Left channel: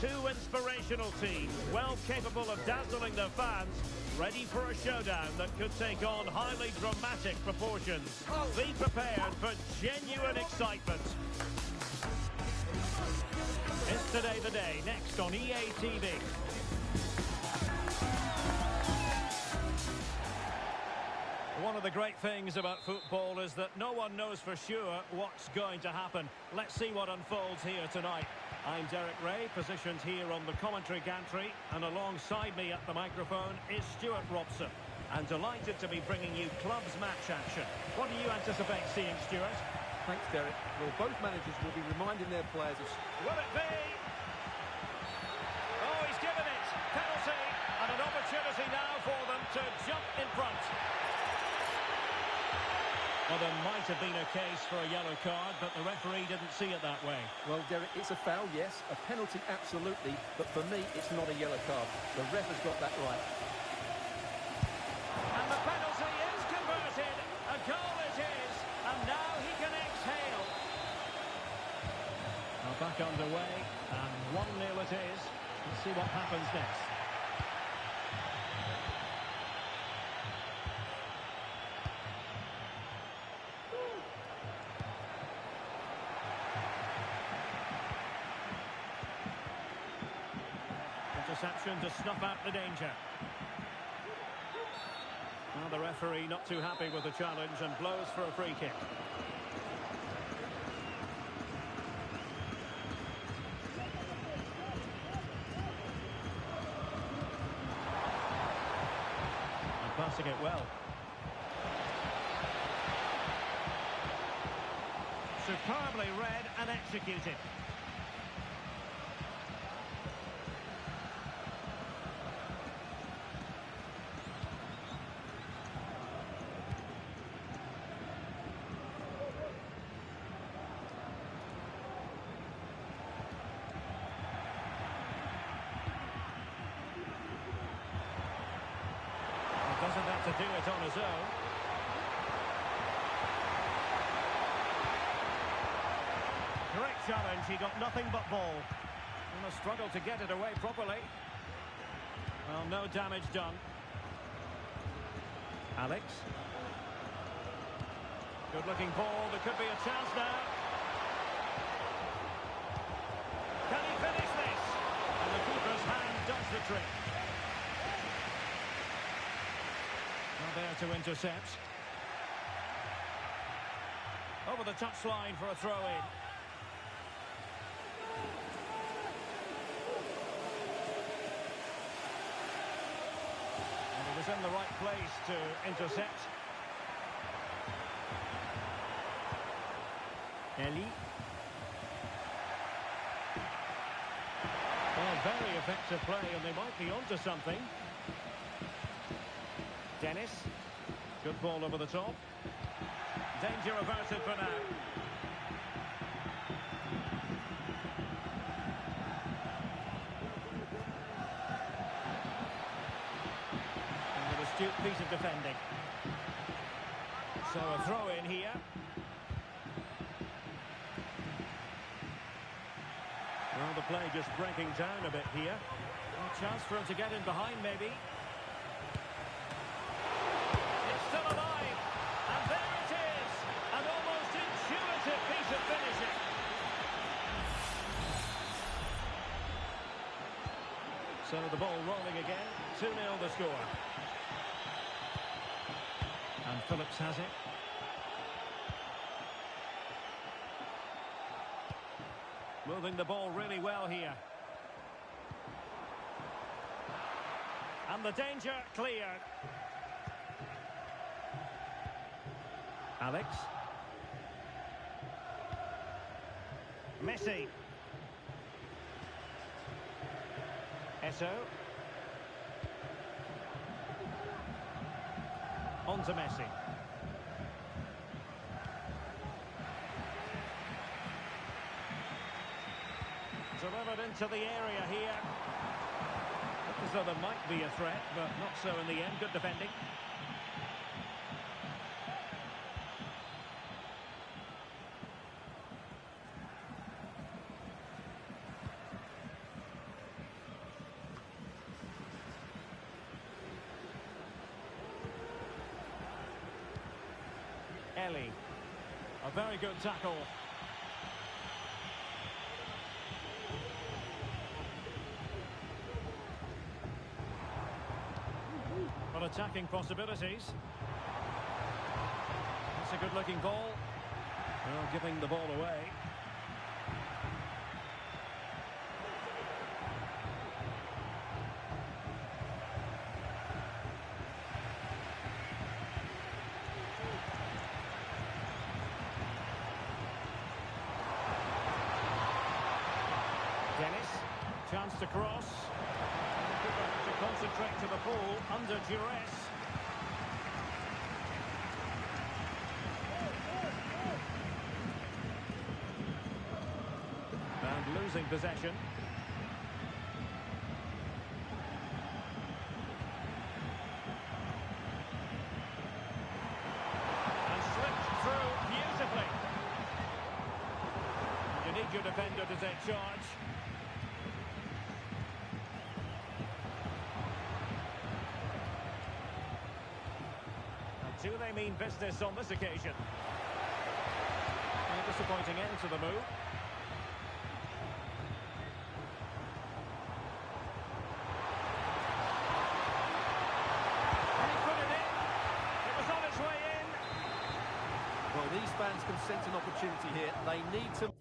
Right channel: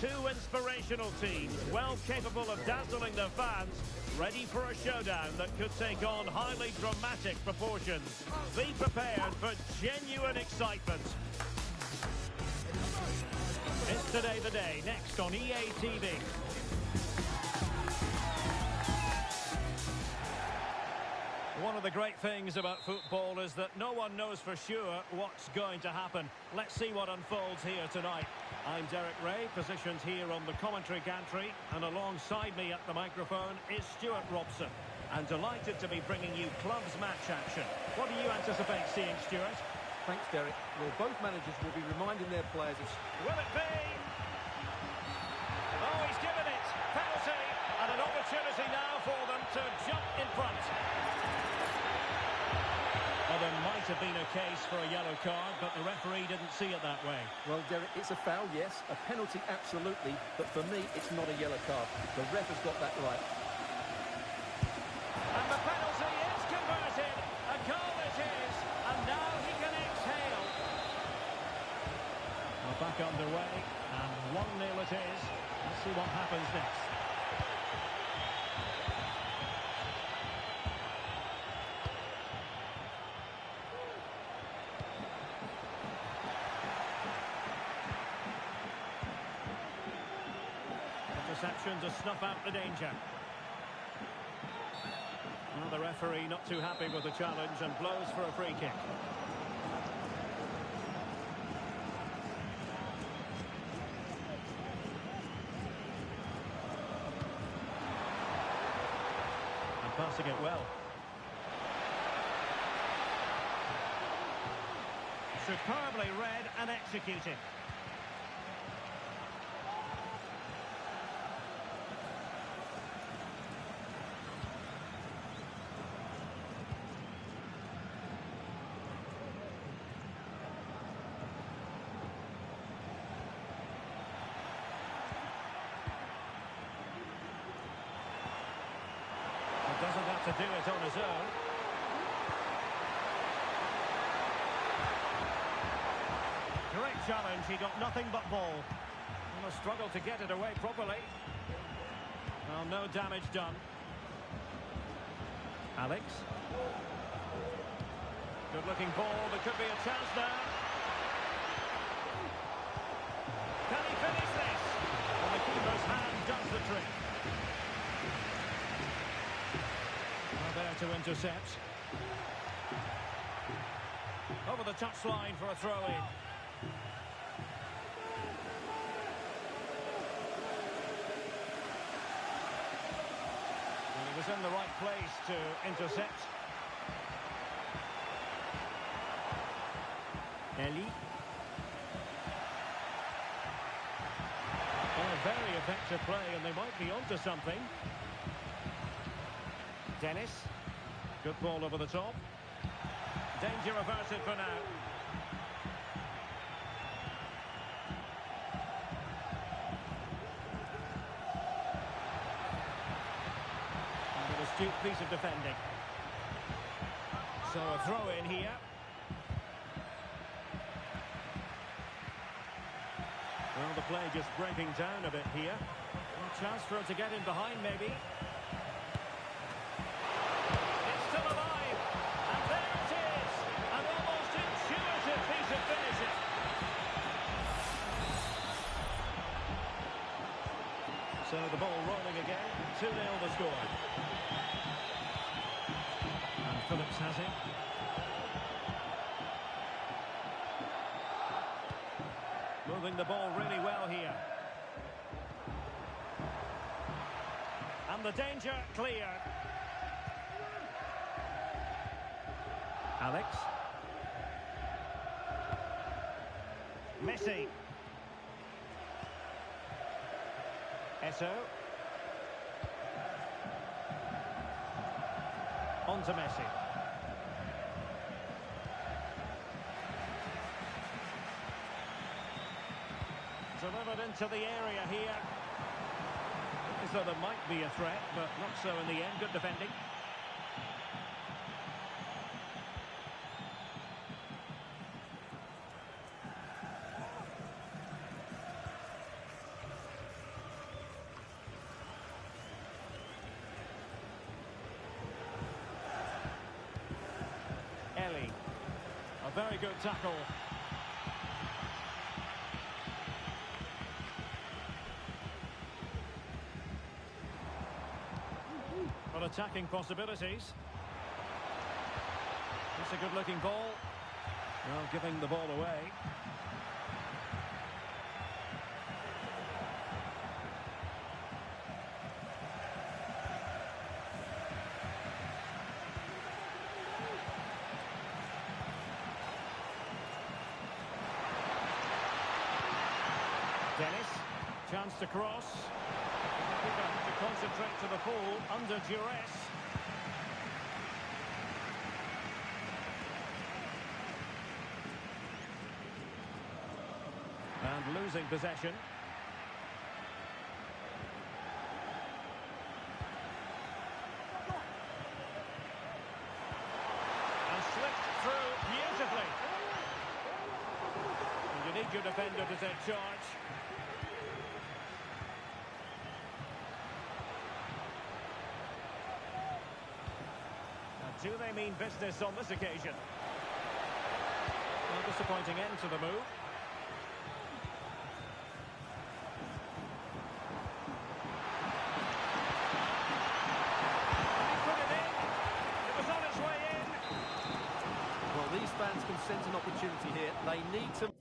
Two inspirational teams, well capable of dazzling their fans, ready for a showdown that could take on highly dramatic proportions. Be prepared for genuine excitement. It's Today the Day, next on EA TV. One of the great things about football is that no one knows for sure what's going to happen. Let's see what unfolds here tonight. I'm Derek Ray, positioned here on the commentary gantry, and alongside me at the microphone is Stuart Robson. I'm delighted to be bringing you clubs match action. What do you anticipate seeing, Stuart? Thanks, Derek. Well, both managers will be reminding their players of... Will it be? Oh, he's given it. Penalty, and an opportunity now for them to jump in front. Well, there might have been a case for a yellow card, but the referee didn't see it that way. Well, Derek, it's a foul, yes. A penalty, absolutely. But for me, it's not a yellow card. The ref has got that right. And the penalty is converted. A goal it is. And now he can exhale. Well, back underway. And 1-0 it is. Let's see what happens next. Interception to snuff out the danger. Well, the referee not too happy with the challenge and blows for a free kick. And passing it well. Superbly read and executed. Doesn't have to do it on his own. Great challenge, he got nothing but ball. And a struggle to get it away properly. Well, no damage done. Alex. Good looking ball, there could be a chance now. Can he finish this? And the keeper's hand does the trick. Well, there to intercept. Over the touchline for a throw-in. And he was in the right place to intercept. Ellie. Well, very effective play, and they might be onto something. Dennis. Good ball over the top. Danger averted for now. And an astute piece of defending. So a throw in here. Well, the play just breaking down a bit here. A chance for him to get in behind, maybe. Still alive, and there it is, an almost intuitive piece of finishing. So the ball rolling again, 2-0 the score. And Phillips has it. Moving the ball really well here. And the danger cleared. Alex. Messi. Eto. On to Messi. Delivered into the area here. Looked as though there might be a threat, but not so in the end. Good defending. A very good tackle. But attacking possibilities. It's a good-looking ball. Well, giving the ball away. Dennis, chance to cross. And the keeper has to concentrate to the full under duress. And losing possession. And slipped through beautifully. And you need your defender to take charge. Do they mean business on this occasion? A disappointing end to the move. And he put it in. It was on its way in. Well, these fans can sense an opportunity here. They need to...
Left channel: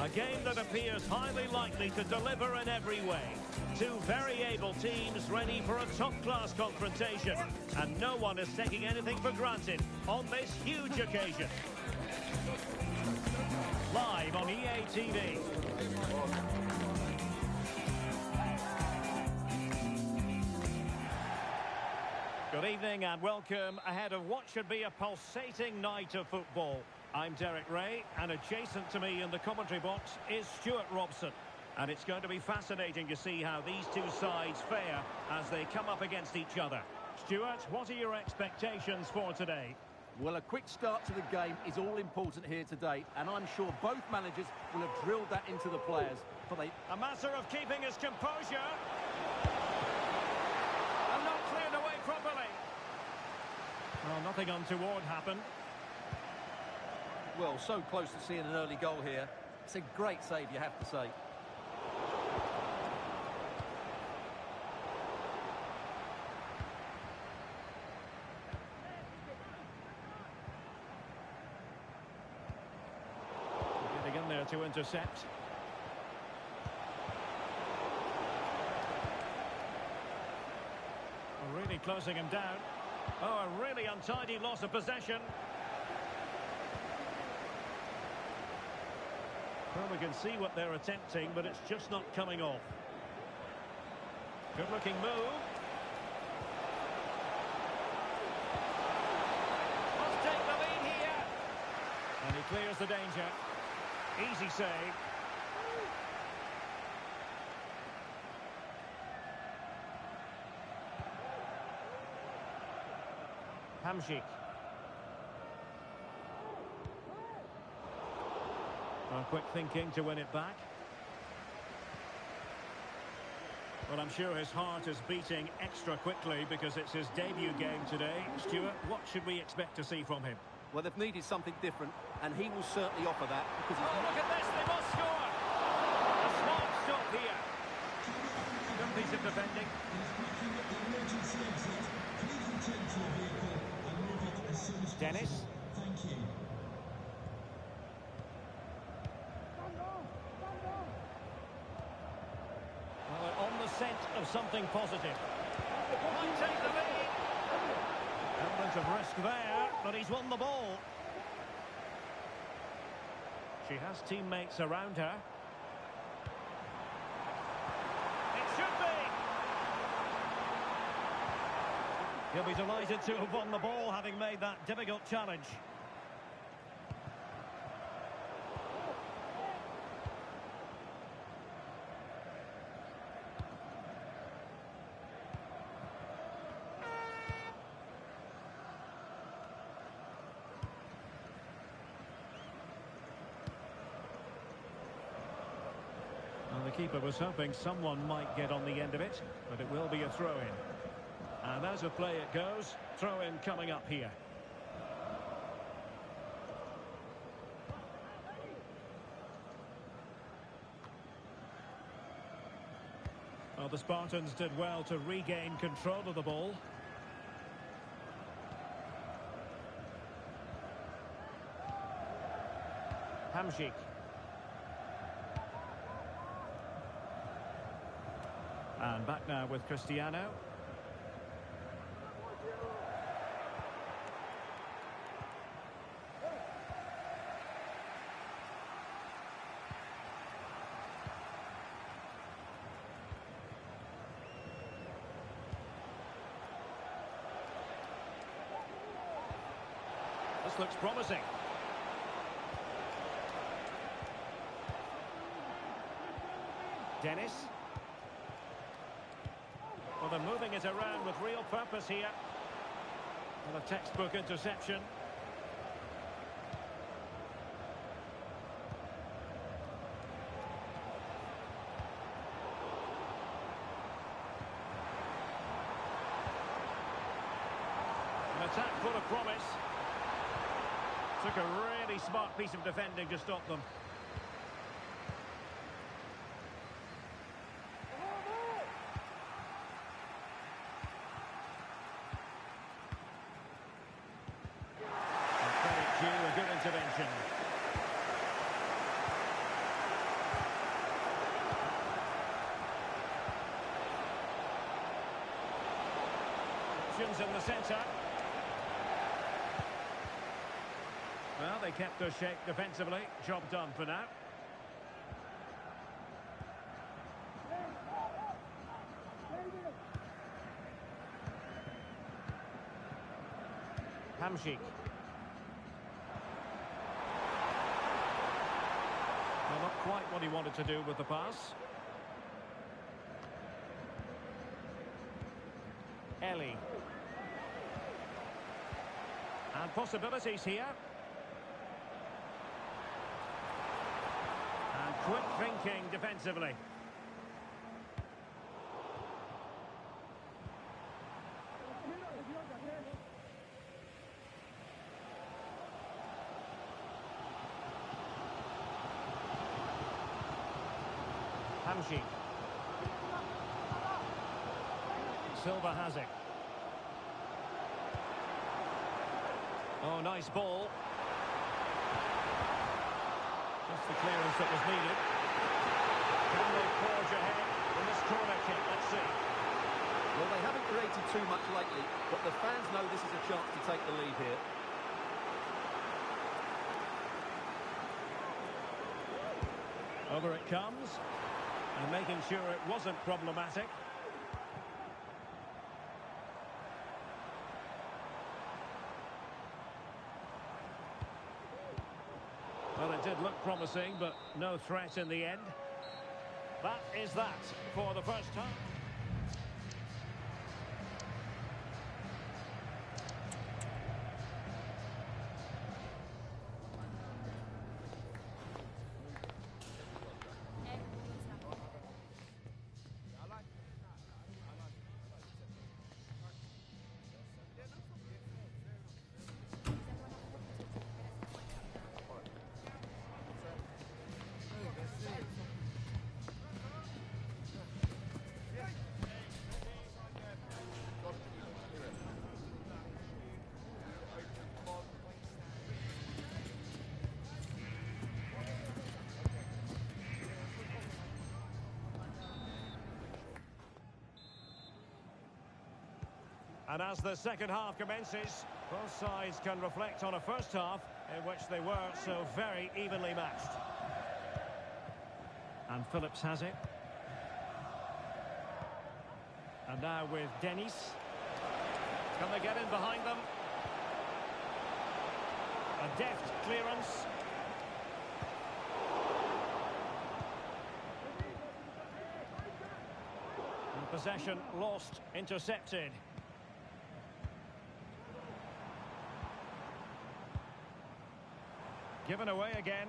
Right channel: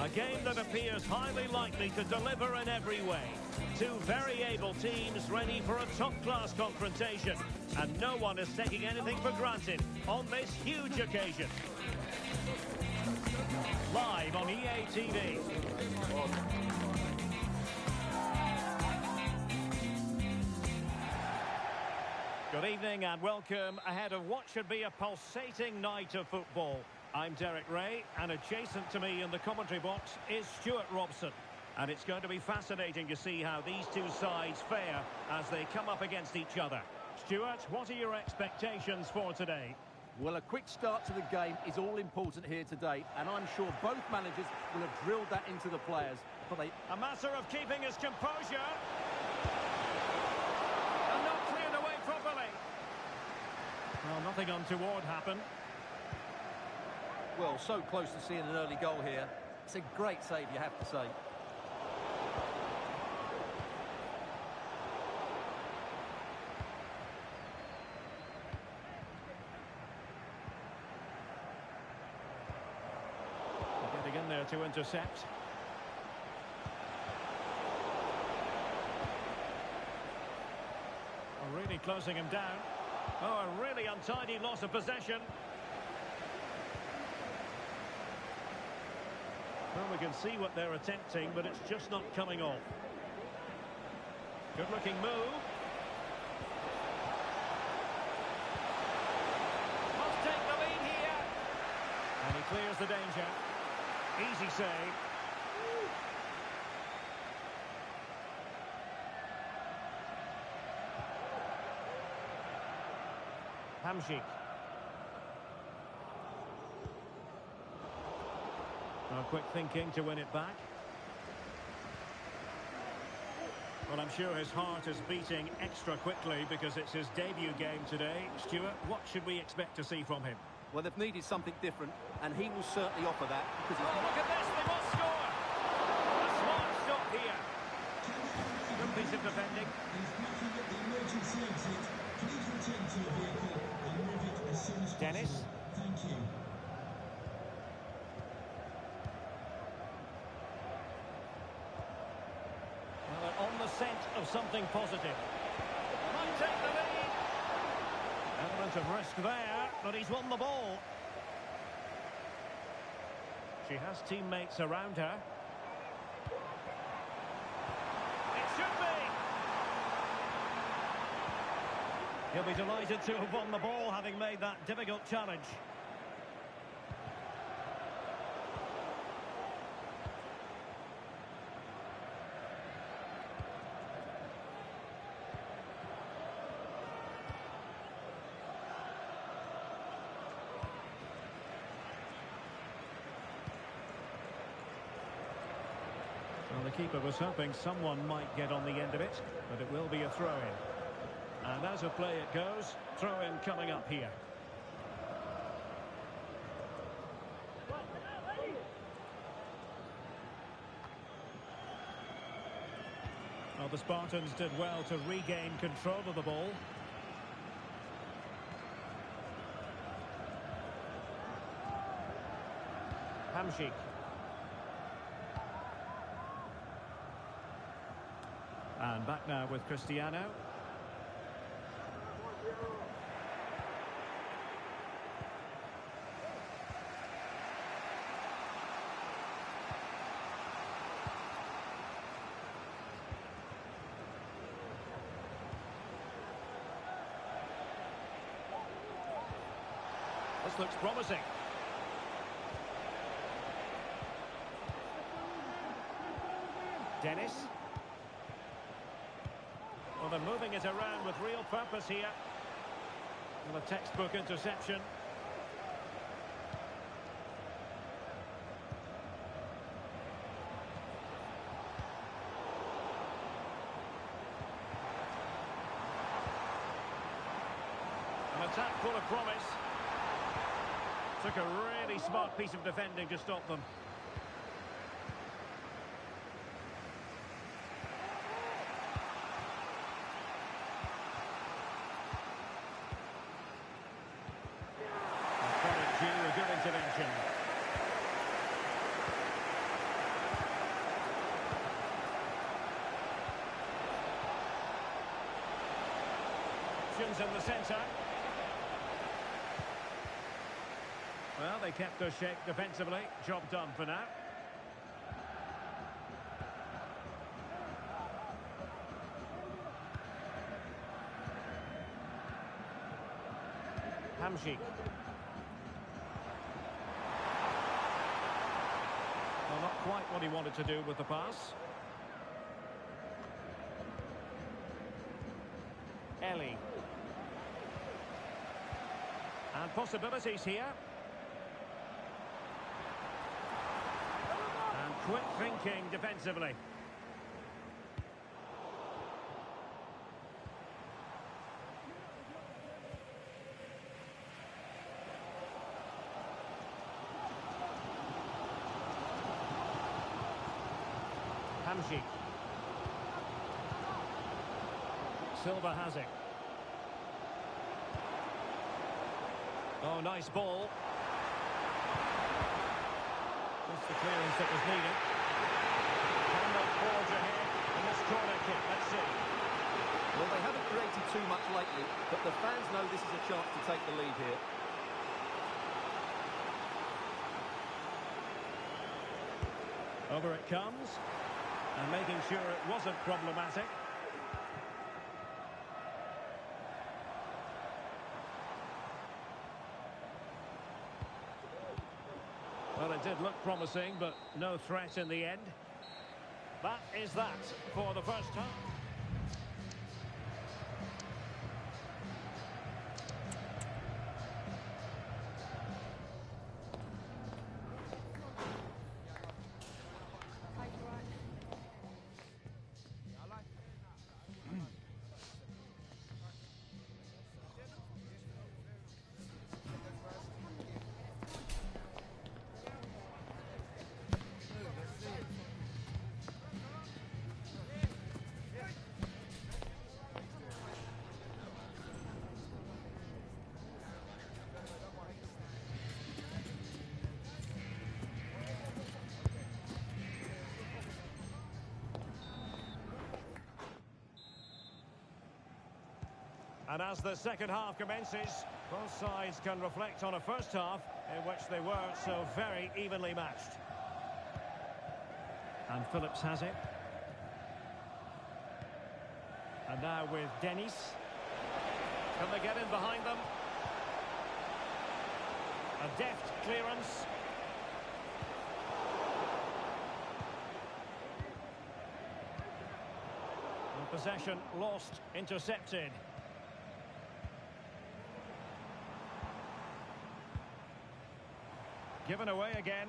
A game that appears highly likely to deliver in every way. Two very able teams ready for a top-class confrontation. And no one is taking anything for granted on this huge occasion. Live on EA TV. Good evening and welcome ahead of what should be a pulsating night of football. I'm Derek Ray, and adjacent to me in the commentary box is Stuart Robson. And it's going to be fascinating to see how these two sides fare as they come up against each other. Stuart, what are your expectations for today? Well, a quick start to the game is all important here today, and I'm sure both managers will have drilled that into the players. But A matter of keeping his composure. And not cleared away properly. Well, nothing untoward happened. Well, so close to seeing an early goal here. It's a great save, you have to say. Getting in there to intercept. Oh, really closing him down. Oh, a really untidy loss of possession. Well, we can see what they're attempting, but it's just not coming off. Good-looking move. Must take the lead here. And he clears the danger. Easy save. Hamšík. Well, quick thinking to win it back. Well, I'm sure his heart is beating extra quickly because it's his debut game today. Stuart, what should we expect to see from him? Well, they've needed something different, and he will certainly offer that because he's... Oh, look at this, they must score! A smart stop here. Good piece of defending. Dennis. Thank you. Well, they're on the scent of something positive. Might take the lead. Element of risk there, but he's won the ball. She has teammates around her. It should be. He'll be delighted to have won the ball, having made that difficult challenge. Well, the keeper was hoping someone might get on the end of it, but it will be a throw-in. And as a play it goes, throw-in coming up here. Well, the Spartans did well to regain control of the ball. Hamšík. And back now with Cristiano. This looks promising. Dennis. Well, they're moving it around with real purpose here. With a textbook interception. An attack full of promise. Took a really smart piece of defending to stop them. Credit due, a good intervention. Options in the centre. Well, they kept their shape defensively. Job done for now. Hamšík. Well, not quite what he wanted to do with the pass. Ellie. And possibilities here. And quick thinking defensively. Hamsik. Silva has it. Oh, nice ball. Just the clearance that was needed. Can they forge ahead in this corner kick? Let's see. Well, they haven't created too much lately, but the fans know this is a chance to take the lead here. Over it comes. And making sure it wasn't problematic. Well, it did look promising, but no threat in the end. That is that for the first half. And as the second half commences, both sides can reflect on a first half in which they were so very evenly matched. And Phillips has it. And now with Dennis. Can they get in behind them? A deft clearance. And possession lost, intercepted. Given away again.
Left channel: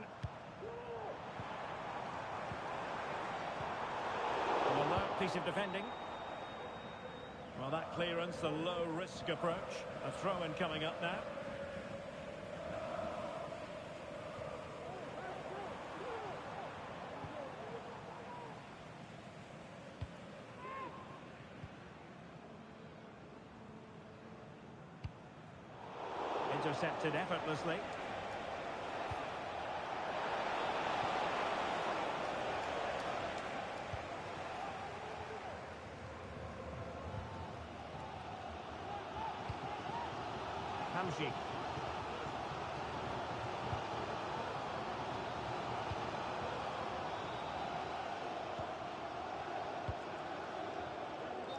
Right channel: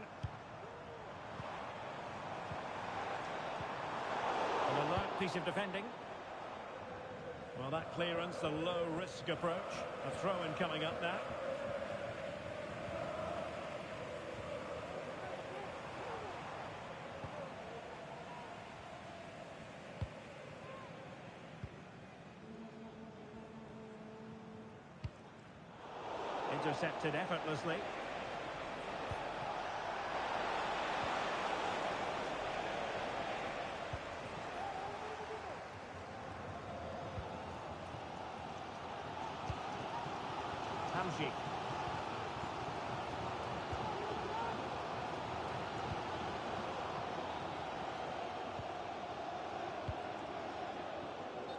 An alert piece of defending. Well, that clearance, the low-risk approach. A throw-in coming up now. Intercepted effortlessly. Hamsik.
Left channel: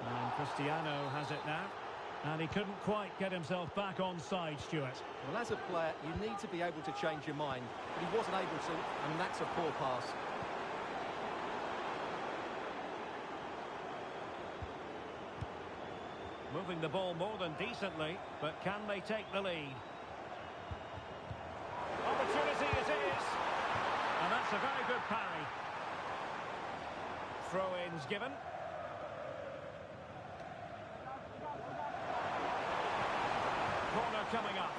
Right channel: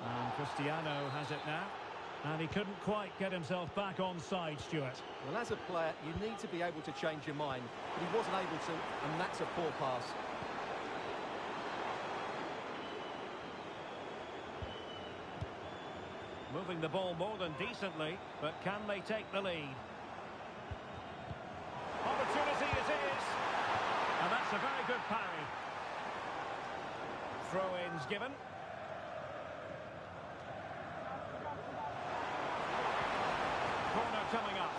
And Cristiano has it now. And he couldn't quite get himself back on side, Stuart. Well, as a player, you need to be able to change your mind, but he wasn't able to, and that's a poor pass. Moving the ball more than decently, but can they take the lead? Opportunity it is! And that's a very good parry. Throw-ins given. Corner coming up.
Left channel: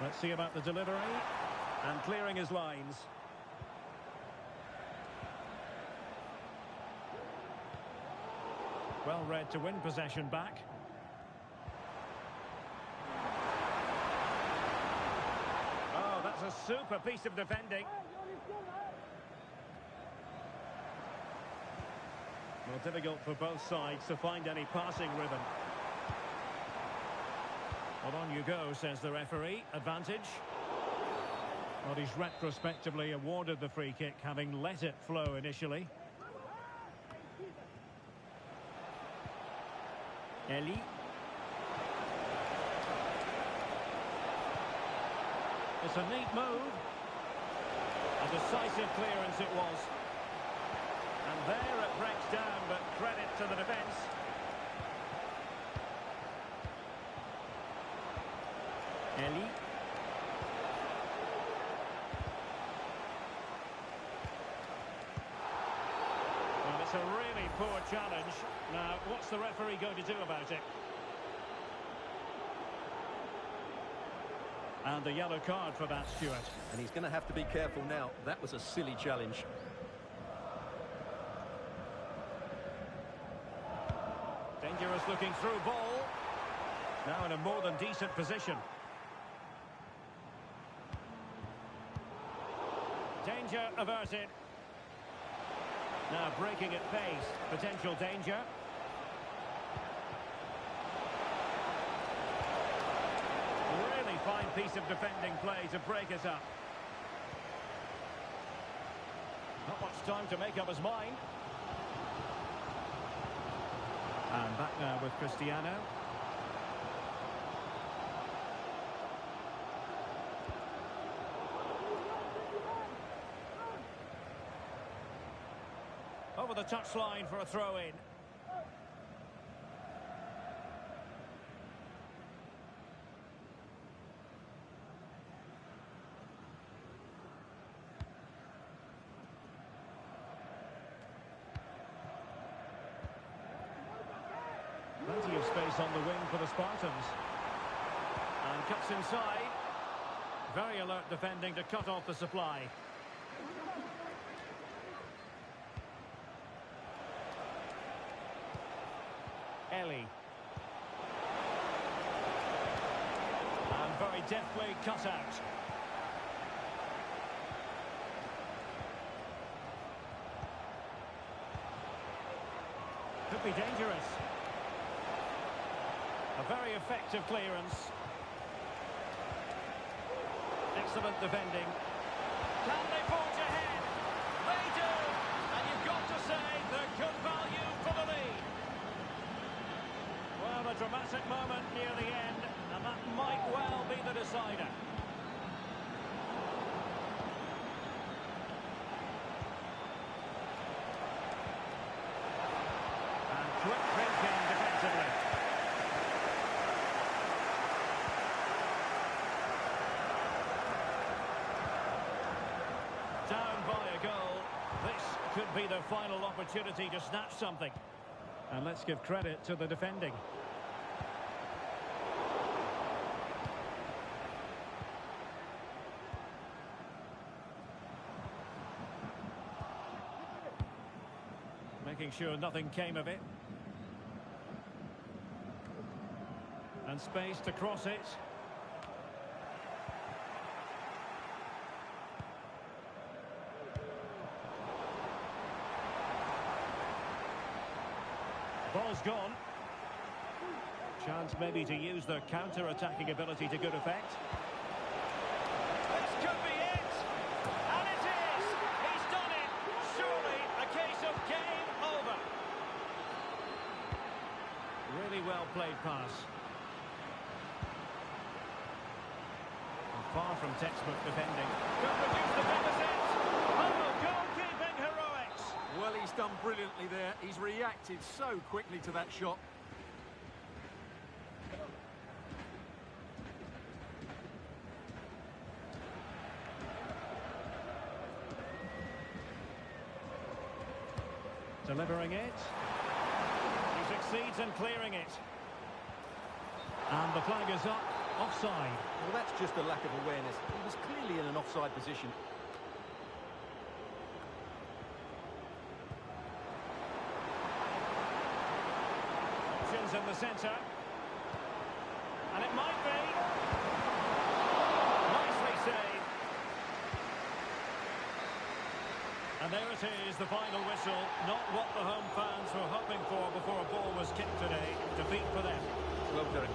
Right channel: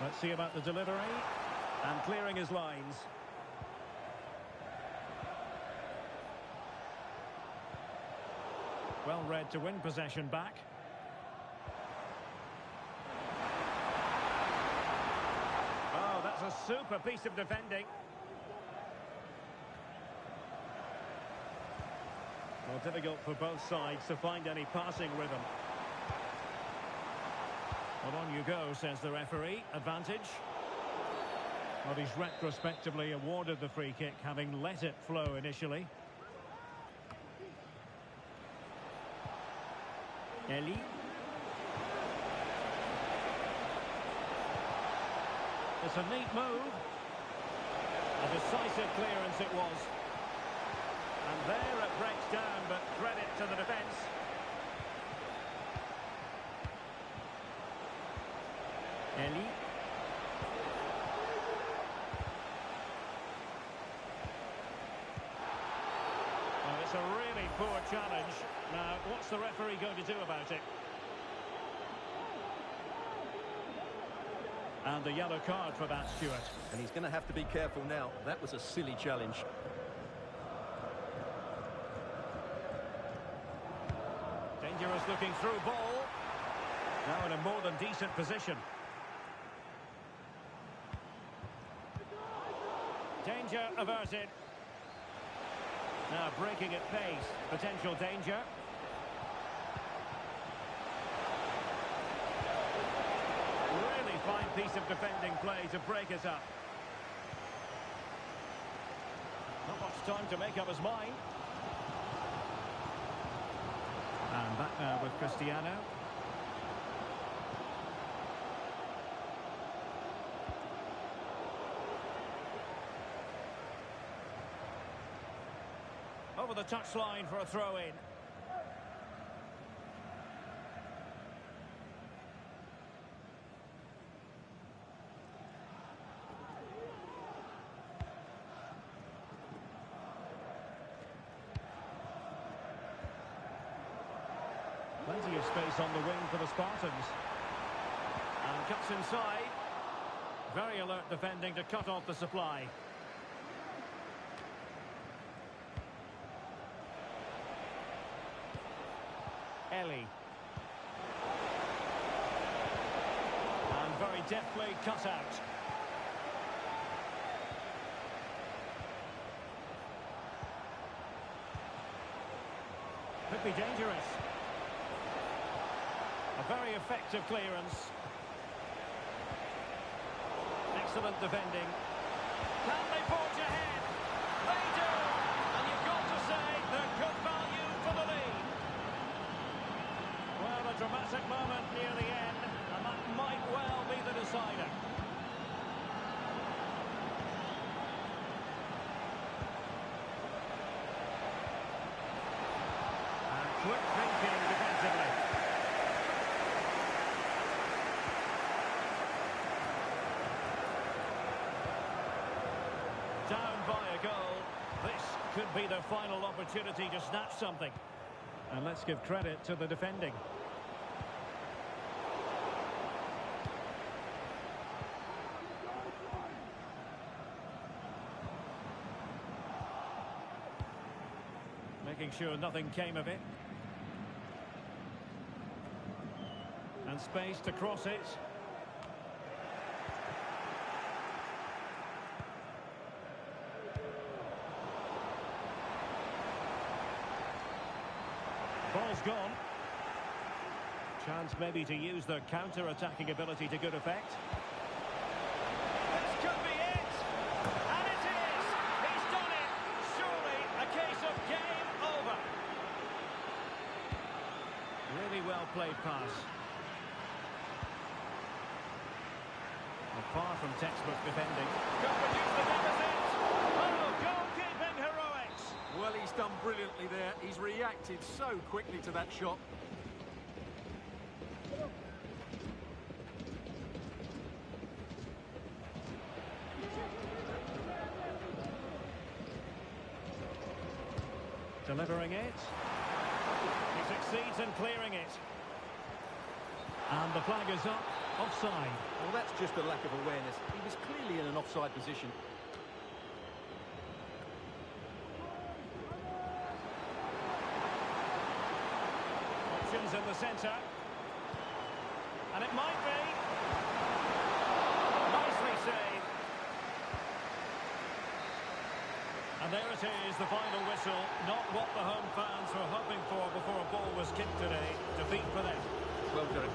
Let's see about the delivery. And clearing his lines. Well read to win possession back. Oh, that's a super piece of defending. Well, difficult for both sides to find any passing rhythm. Well, on you go, says the referee. Advantage. Well, he's retrospectively awarded the free kick, having let it flow initially. Eli. It's a neat move. A decisive clearance it was. And there it breaks down, but credit to the defence. Eli. Well, it's a really poor challenge. Now, what's the referee going to do about it? And the yellow card for that, Stuart. And he's going to have to be careful now. That was a silly challenge. Dangerous looking through ball. Now in a more than decent position. Danger averted. Now breaking at pace. Potential danger. Really fine piece of defending play to break us up. Not much time to make up his mind. And back now with Cristiano. Over the touchline for a throw-in. Plenty of space on the wing for the Spartans. And cuts inside. Very alert defending to cut off the supply. Eli. And very deftly cut out. Could be dangerous. A very effective clearance. Excellent defending. Can they forge ahead? They do! And you've got to say they're good value for the lead. Well, a dramatic moment near the end, and that might well be the decider. And quick thinking defensively. Down by a goal. This could be the final opportunity to snatch something. And let's give credit to the defending. Making sure nothing came of it. And space to cross it. Ball's gone. Chance maybe to use their counter-attacking ability to good effect. This could be it! And it is! He's done it! Surely a case of game over. Really well played pass. Well, far from textbook defending. Could reduce the deficit! Oh, goalkeeping heroics! Well, he's done brilliantly there. He's reacted so quickly to that shot. Delivering it. He succeeds in clearing it. And the flag is up. Offside. Well, that's just a lack of awareness. He was clearly in an offside position. Options in the centre. And it might be. Nicely saved. And there it is, the final whistle. Not what the home fans were hoping for before a ball was kicked today. Defeat for them. Well done.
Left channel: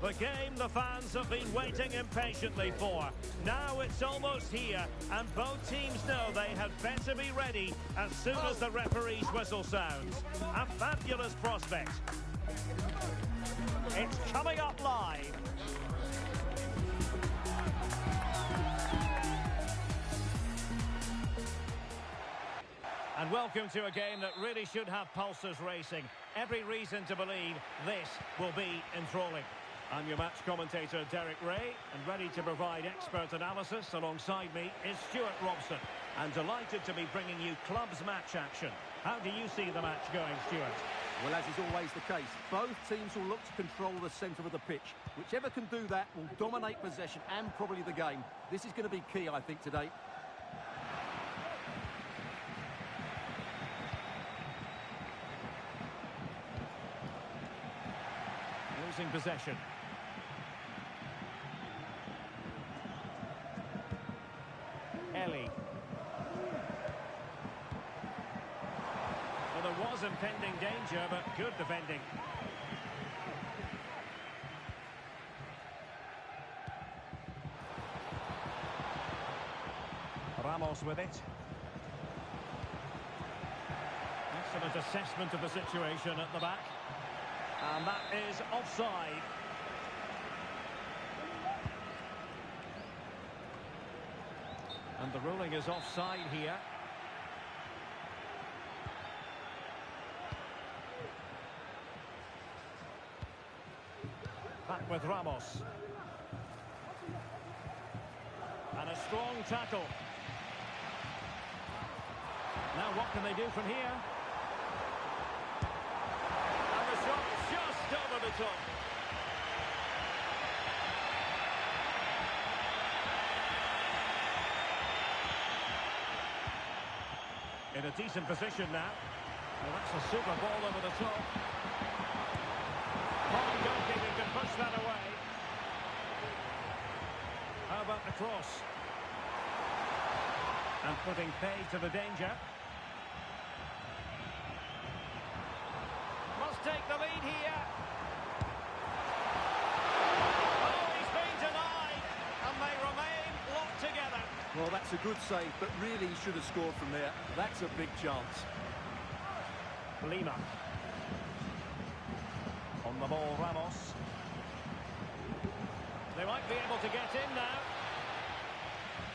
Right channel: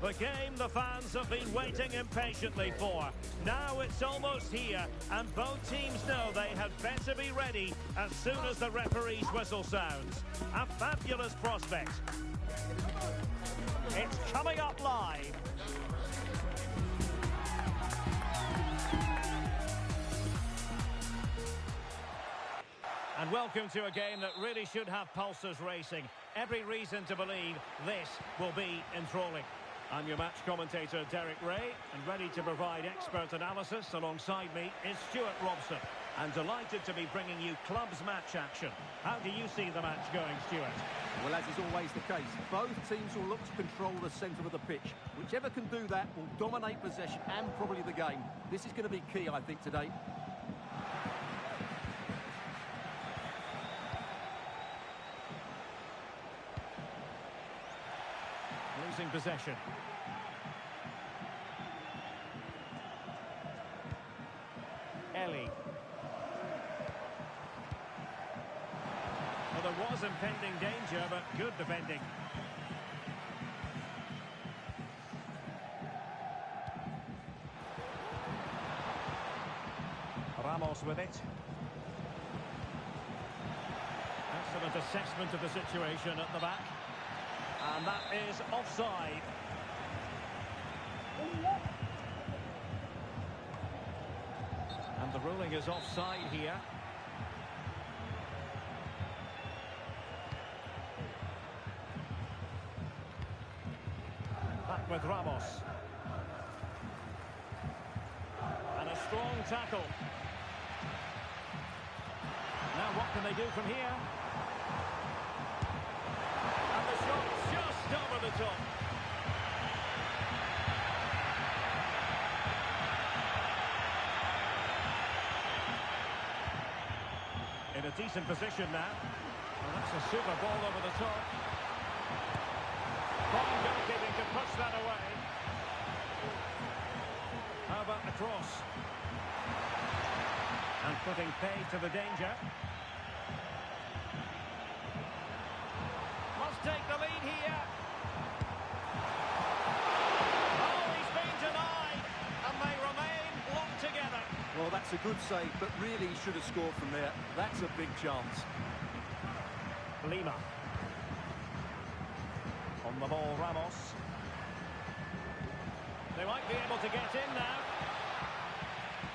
The game the fans have been waiting impatiently for. Now it's almost here, and both teams know they had better be ready as soon as the referee's whistle sounds. A fabulous prospect. It's coming up live. And welcome to a game that really should have pulses racing. Every reason to believe this will be enthralling. I'm your match commentator, Derek Ray, and ready to provide expert analysis alongside me is Stuart Robson. And delighted to be bringing you clubs match action. How do you see the match going, Stuart? Well, as is always the case, both teams will look to control the centre of the pitch. Whichever can do that will dominate possession and probably the game. This is going to be key, I think, today. Losing possession. Ellie. Well, there was impending danger, but good defending. Ramos with it. Excellent assessment of the situation at the back. And that is offside. And the ruling is offside here. Back with Ramos. And a strong tackle. Now what can they do from here? And the shot just over the top. In a decent position now. Well, that's a super ball over the top. Fine goalkeeping to push that away. How about the cross? And putting pay to the danger. Must take the lead here. Oh, he's been denied. And they remain locked together. Well, that's a good save, but really he should have scored from there. That's a big chance. Lima. On the ball, Ramos. They might be able to get in now.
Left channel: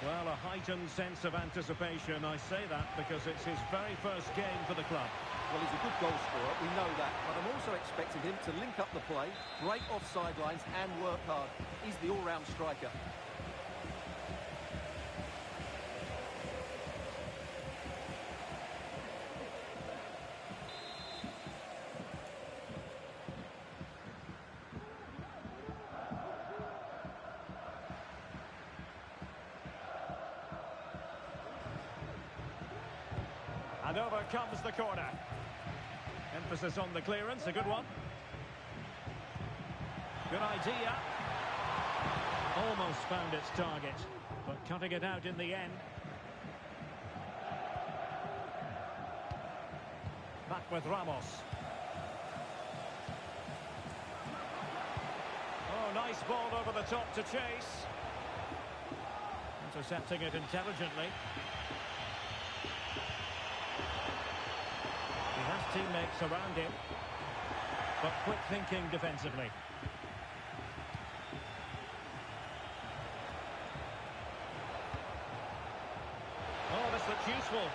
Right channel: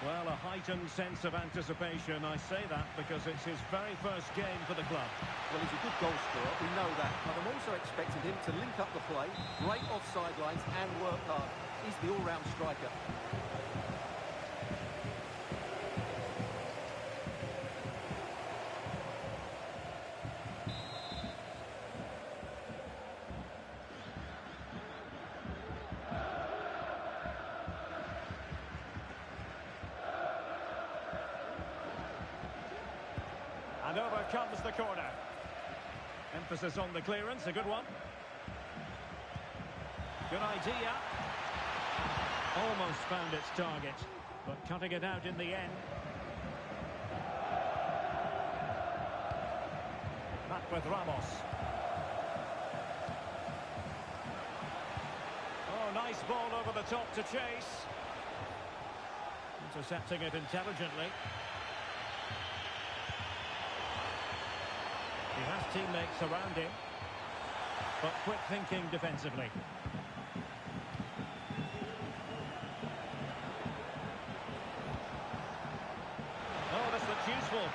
Well, a heightened sense of anticipation. I say that because it's his very first game for the club. Well, he's a good goal scorer, we know that. But I'm also expecting him to link up the play, break offside lines and work hard. He's the all-round striker. And over comes the corner. Emphasis on the clearance, a good one. Good idea. Almost found its target, but cutting it out in the end. Back with Ramos. Oh, nice ball over the top to chase. Intercepting it intelligently. He has teammates around him, but quick thinking defensively. Oh, this looks useful.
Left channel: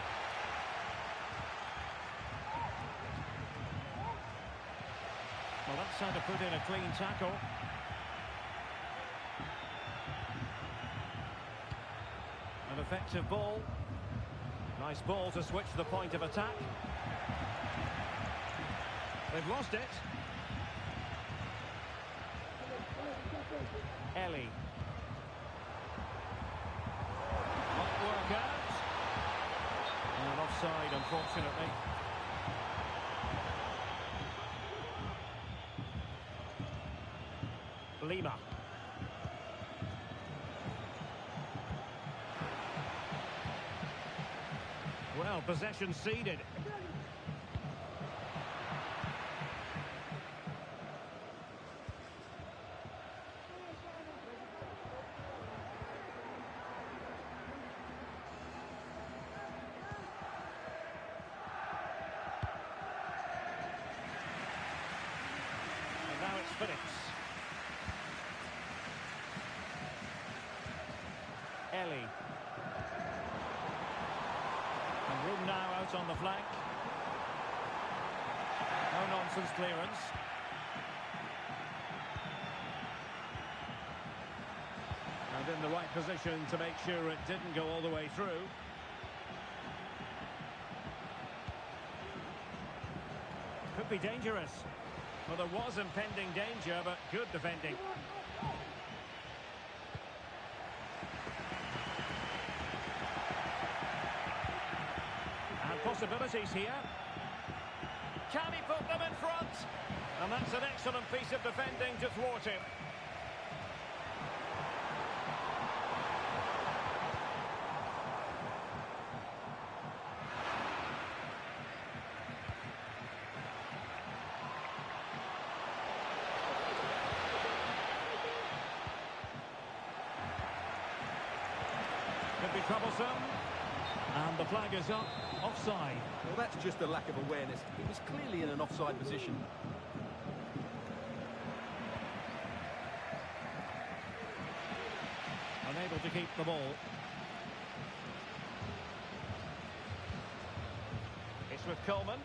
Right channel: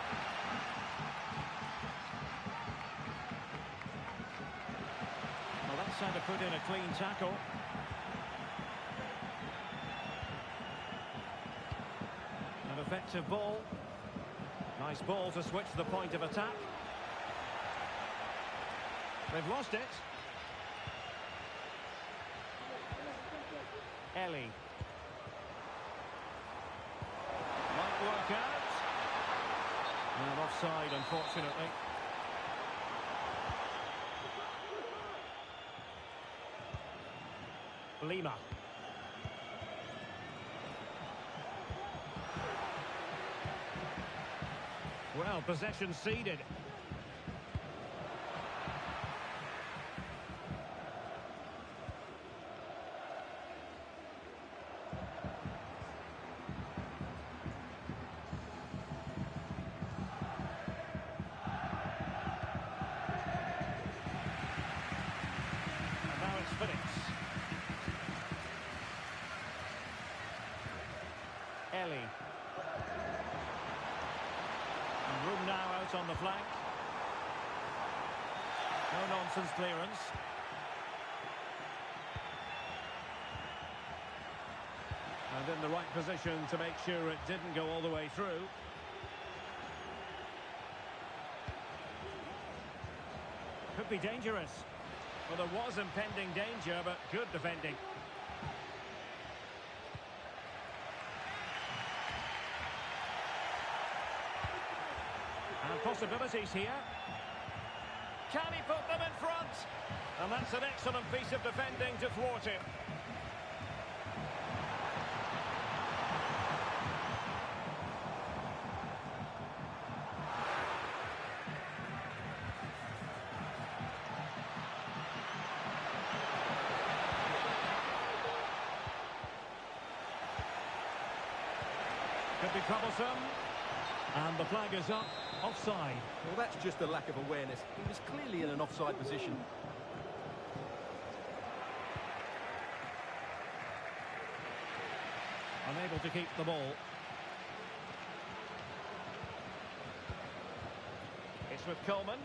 Well, that's how to put in a clean tackle. An effective ball. Nice ball to switch the point of attack. They've lost it. Ellie. Might work out. And offside, unfortunately. Lima. Well, possession ceded. Eli. And room now out on the flank. No nonsense clearance. And in the right position to make sure it didn't go all the way through. Could be dangerous. Well, there was impending danger, but good defending. And possibilities here. Can he put them in front? And that's an excellent piece of defending to thwart him. Could be troublesome. And the flag is up. Offside. Well, that's just a lack of awareness. He was clearly in an offside position. Unable to keep the ball. It's with Coleman.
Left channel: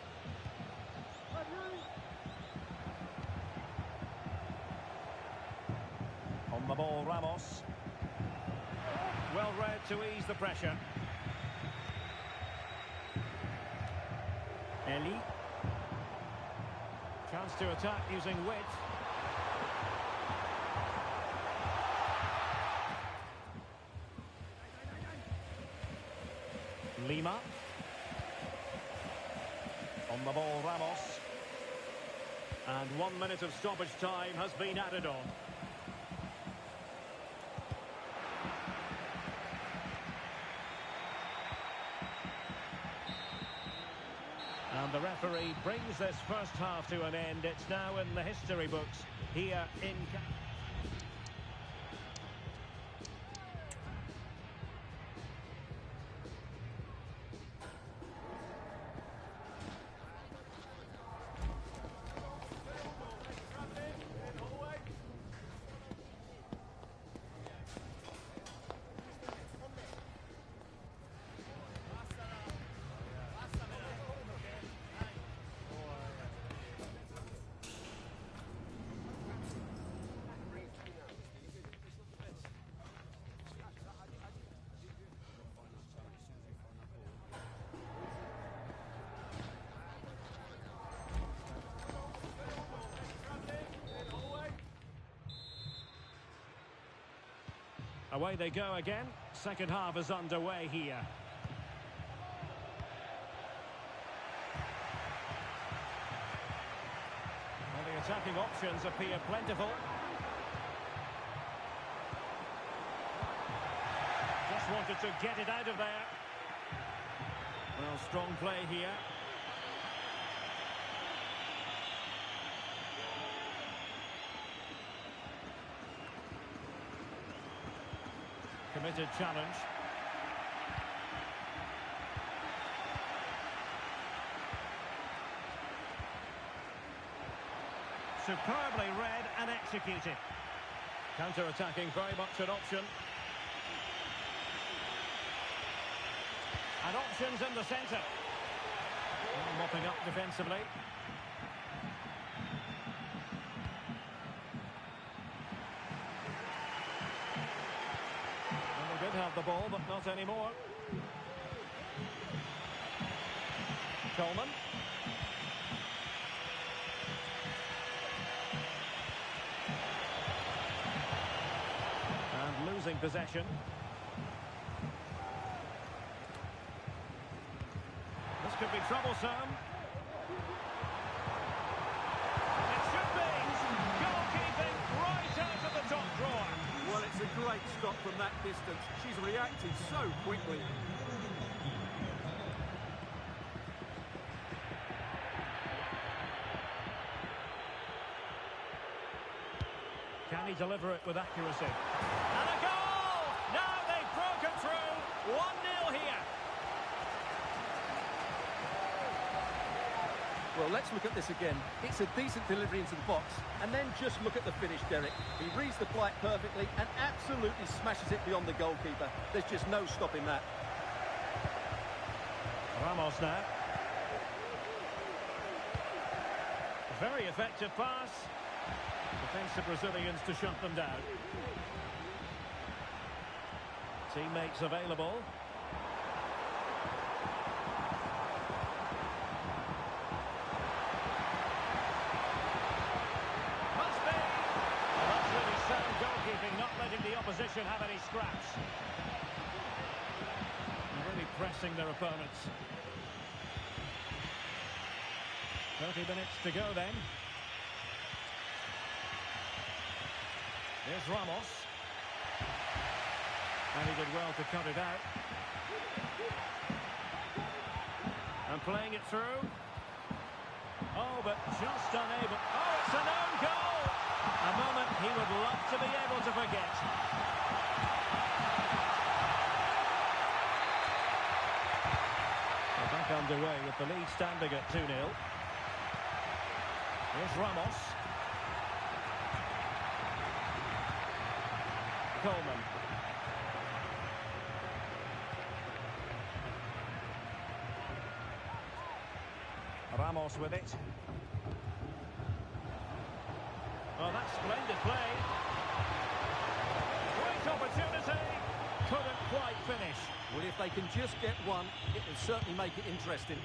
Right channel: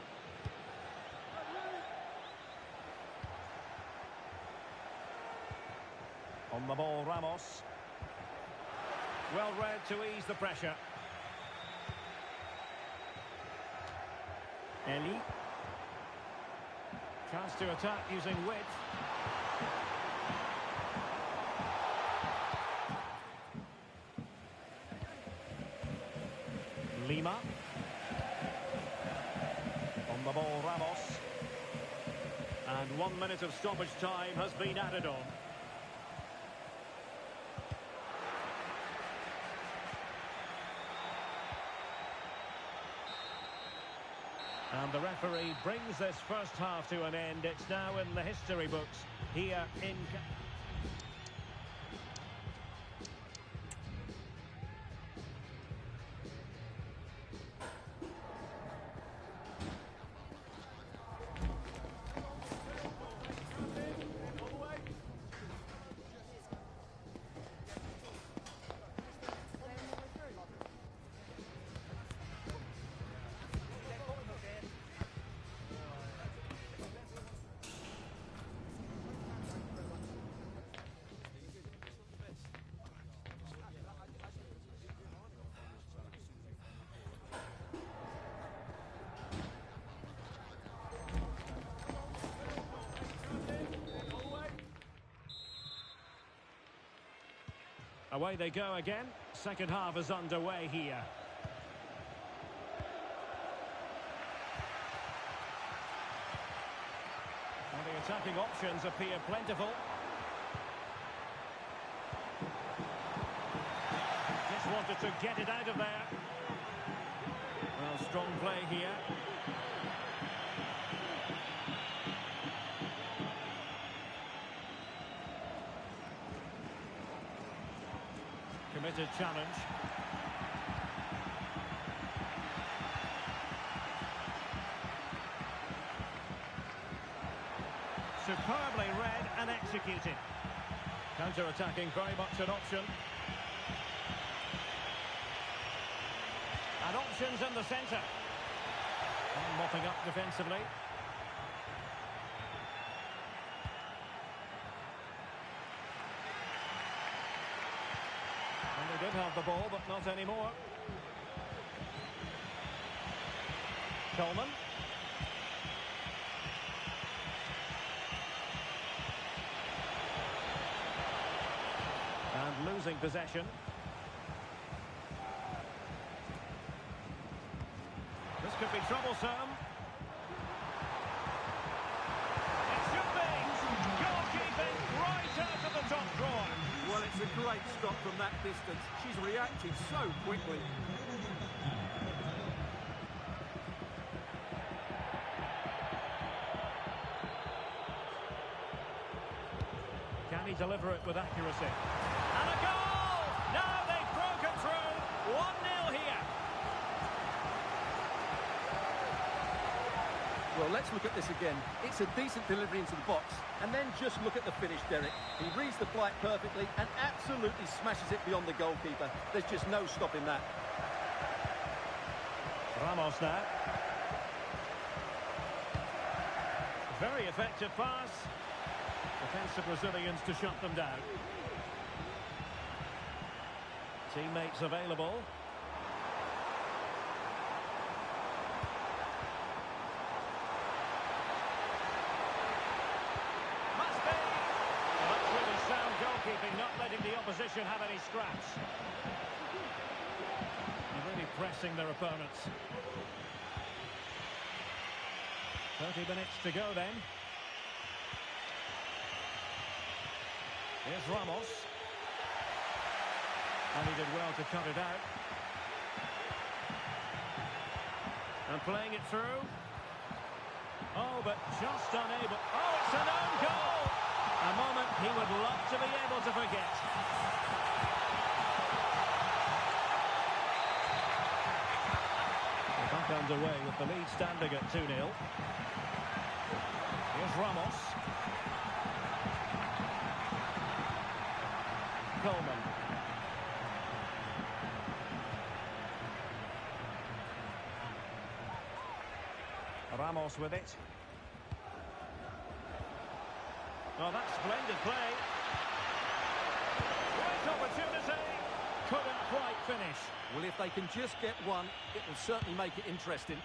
On the ball, Ramos. Well read to ease the pressure. Eli. Chance to attack using width. Lima. On the ball, Ramos. And 1 minute of stoppage time has been added on. And the referee brings this first half to an end. It's now in the history books here in... Away they go again. Second half is underway here. Well, the attacking options appear plentiful. Just wanted to get it out of there. Well, strong play here. Committed challenge. Superbly read and executed. Counter-attacking, very much an option. And options in the centre. And mopping up defensively. They did have the ball, but not anymore. Coleman. And losing possession. This could be troublesome. It should be. Goalkeeping right out of the top drawer. Well, it's a great stop from that distance. She's reacted so quickly. Can he deliver it with accuracy? And a goal! Now they've broken through. 1-0 here. Well, let's look at this again. It's a decent delivery into the box. And then just look at the finish, Derek. He reads the flight perfectly and absolutely smashes it beyond the goalkeeper. There's just no stopping that. Ramos now. Very effective pass. Defensive Brazilians to shut them down. Teammates available. Must be! Well, that's really sound goalkeeping, not letting the opposition have any scraps. They're really pressing their opponents. 30 minutes to go then. Here's Ramos. And he did well to cut it out. And playing it through. Oh, but just unable. Oh, it's an own goal! A moment he would love to be able to forget. We're back underway with the lead standing at 2-0. Here's Ramos. Coleman. Ramos with it. Oh, that's splendid play. Great opportunity. Couldn't quite finish. Well, if they can just get one, it will certainly make it interesting.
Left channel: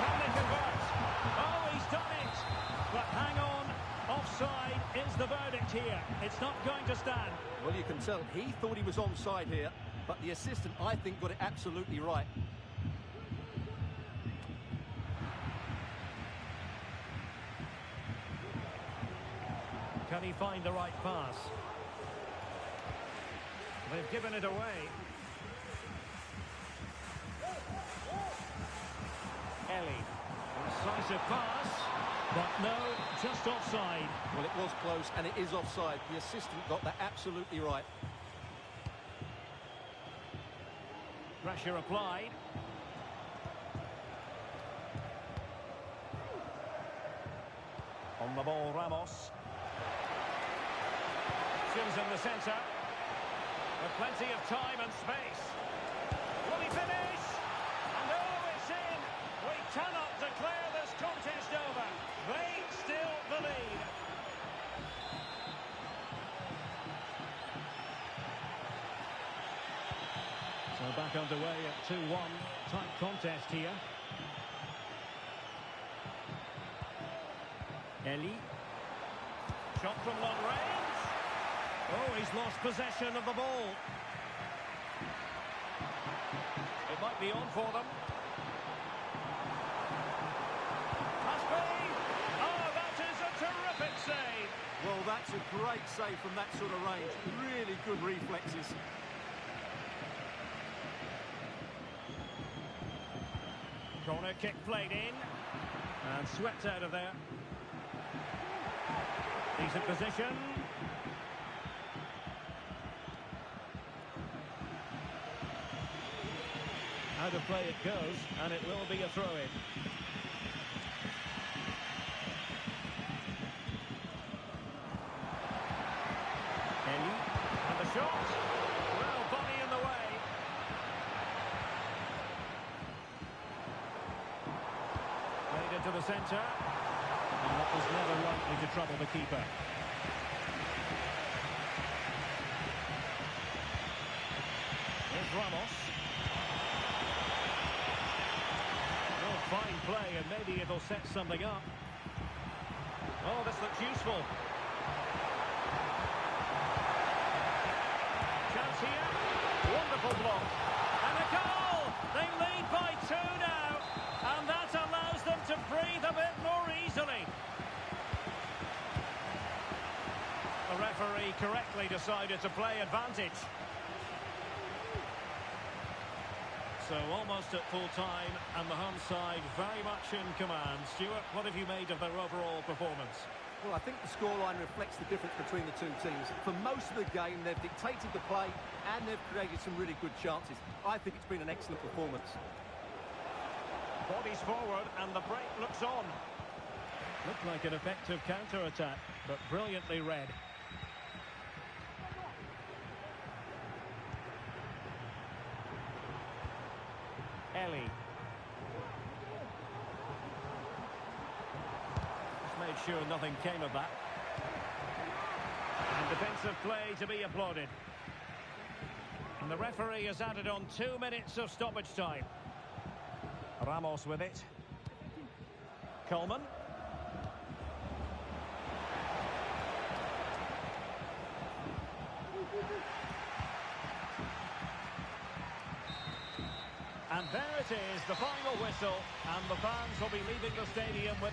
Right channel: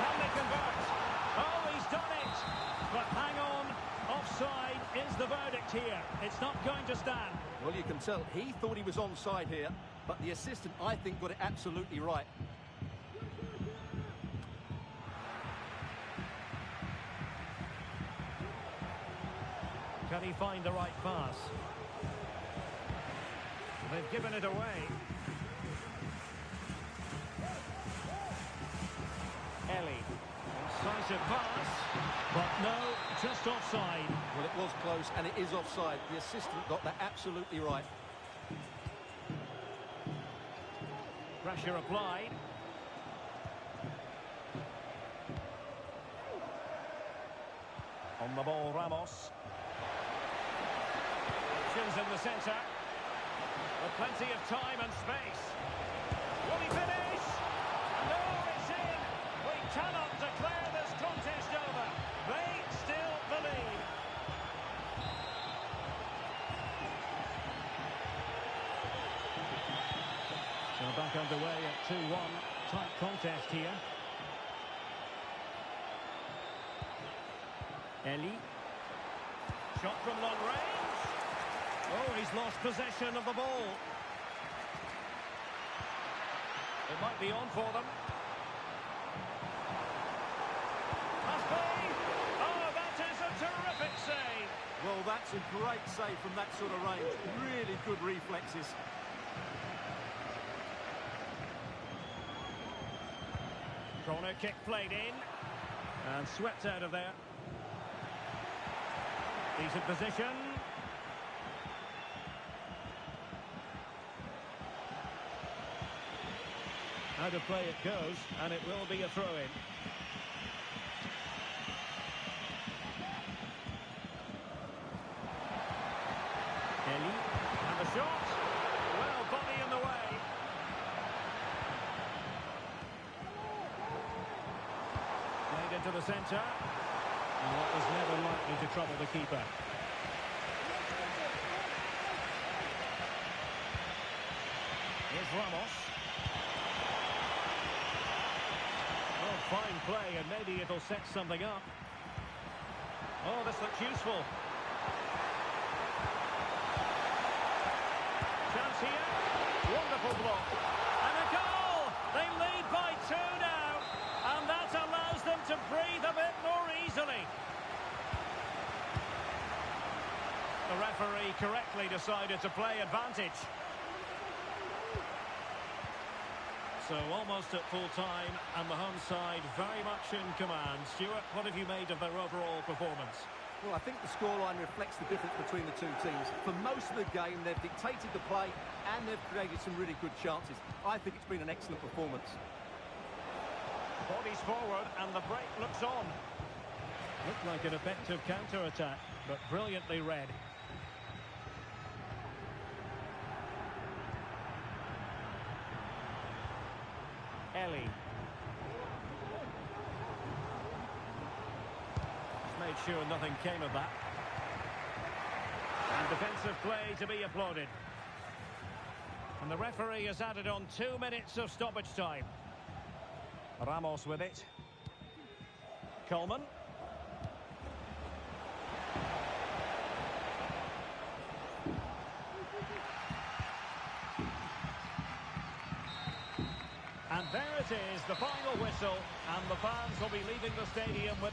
Can they convert? Oh, he's done it. But hang on. Offside is the verdict here. It's not going to stand. Well, you can tell he thought he was onside here, but the assistant, I think, got it absolutely right. Can he find the right pass? They've given it away. Ellie. Incisive pass. But no, just offside. Well, it was close, and it is offside. The assistant got that absolutely right. Pressure applied. On the ball, Ramos. Options in the centre. With plenty of time and space. Will he finish? And oh, it's in! We cannot declare this contest over. They still the lead. So back underway at 2-1. Tight contest here. Ellie. Shot from long range. Oh, he's lost possession of the ball. It might be on for them. Must be. Oh, that is a terrific save. Well, that's a great save from that sort of range. Really good reflexes. Corner kick played in. And swept out of there. Decent position. Out of play it goes, and it will be a throw-in. Ellie, and the shot. Well, body in the way. Played into the centre. And that was never likely to trouble the keeper. Here's Ramos. Well, fine play, and maybe it'll set something up. Oh, this looks useful. Chance here. Wonderful block. And a goal! They lead by 2 now. And that allows them to breathe a bit more easily. The referee correctly decided to play advantage. So almost at full time, and the home side very much in command. Stuart, what have you made of their overall performance? Well, I think the scoreline reflects the difference between the two teams. For most of the game, they've dictated the play and they've created some really good chances. I think it's been an excellent performance. Bodies forward and the break looks on. Looked like an effective counter-attack, but brilliantly read. Ellie. Just made sure nothing came of that. And defensive play to be applauded. And the referee has added on 2 minutes of stoppage time. Ramos with it. Coleman. And there it is, the final whistle, and the fans will be leaving the stadium with...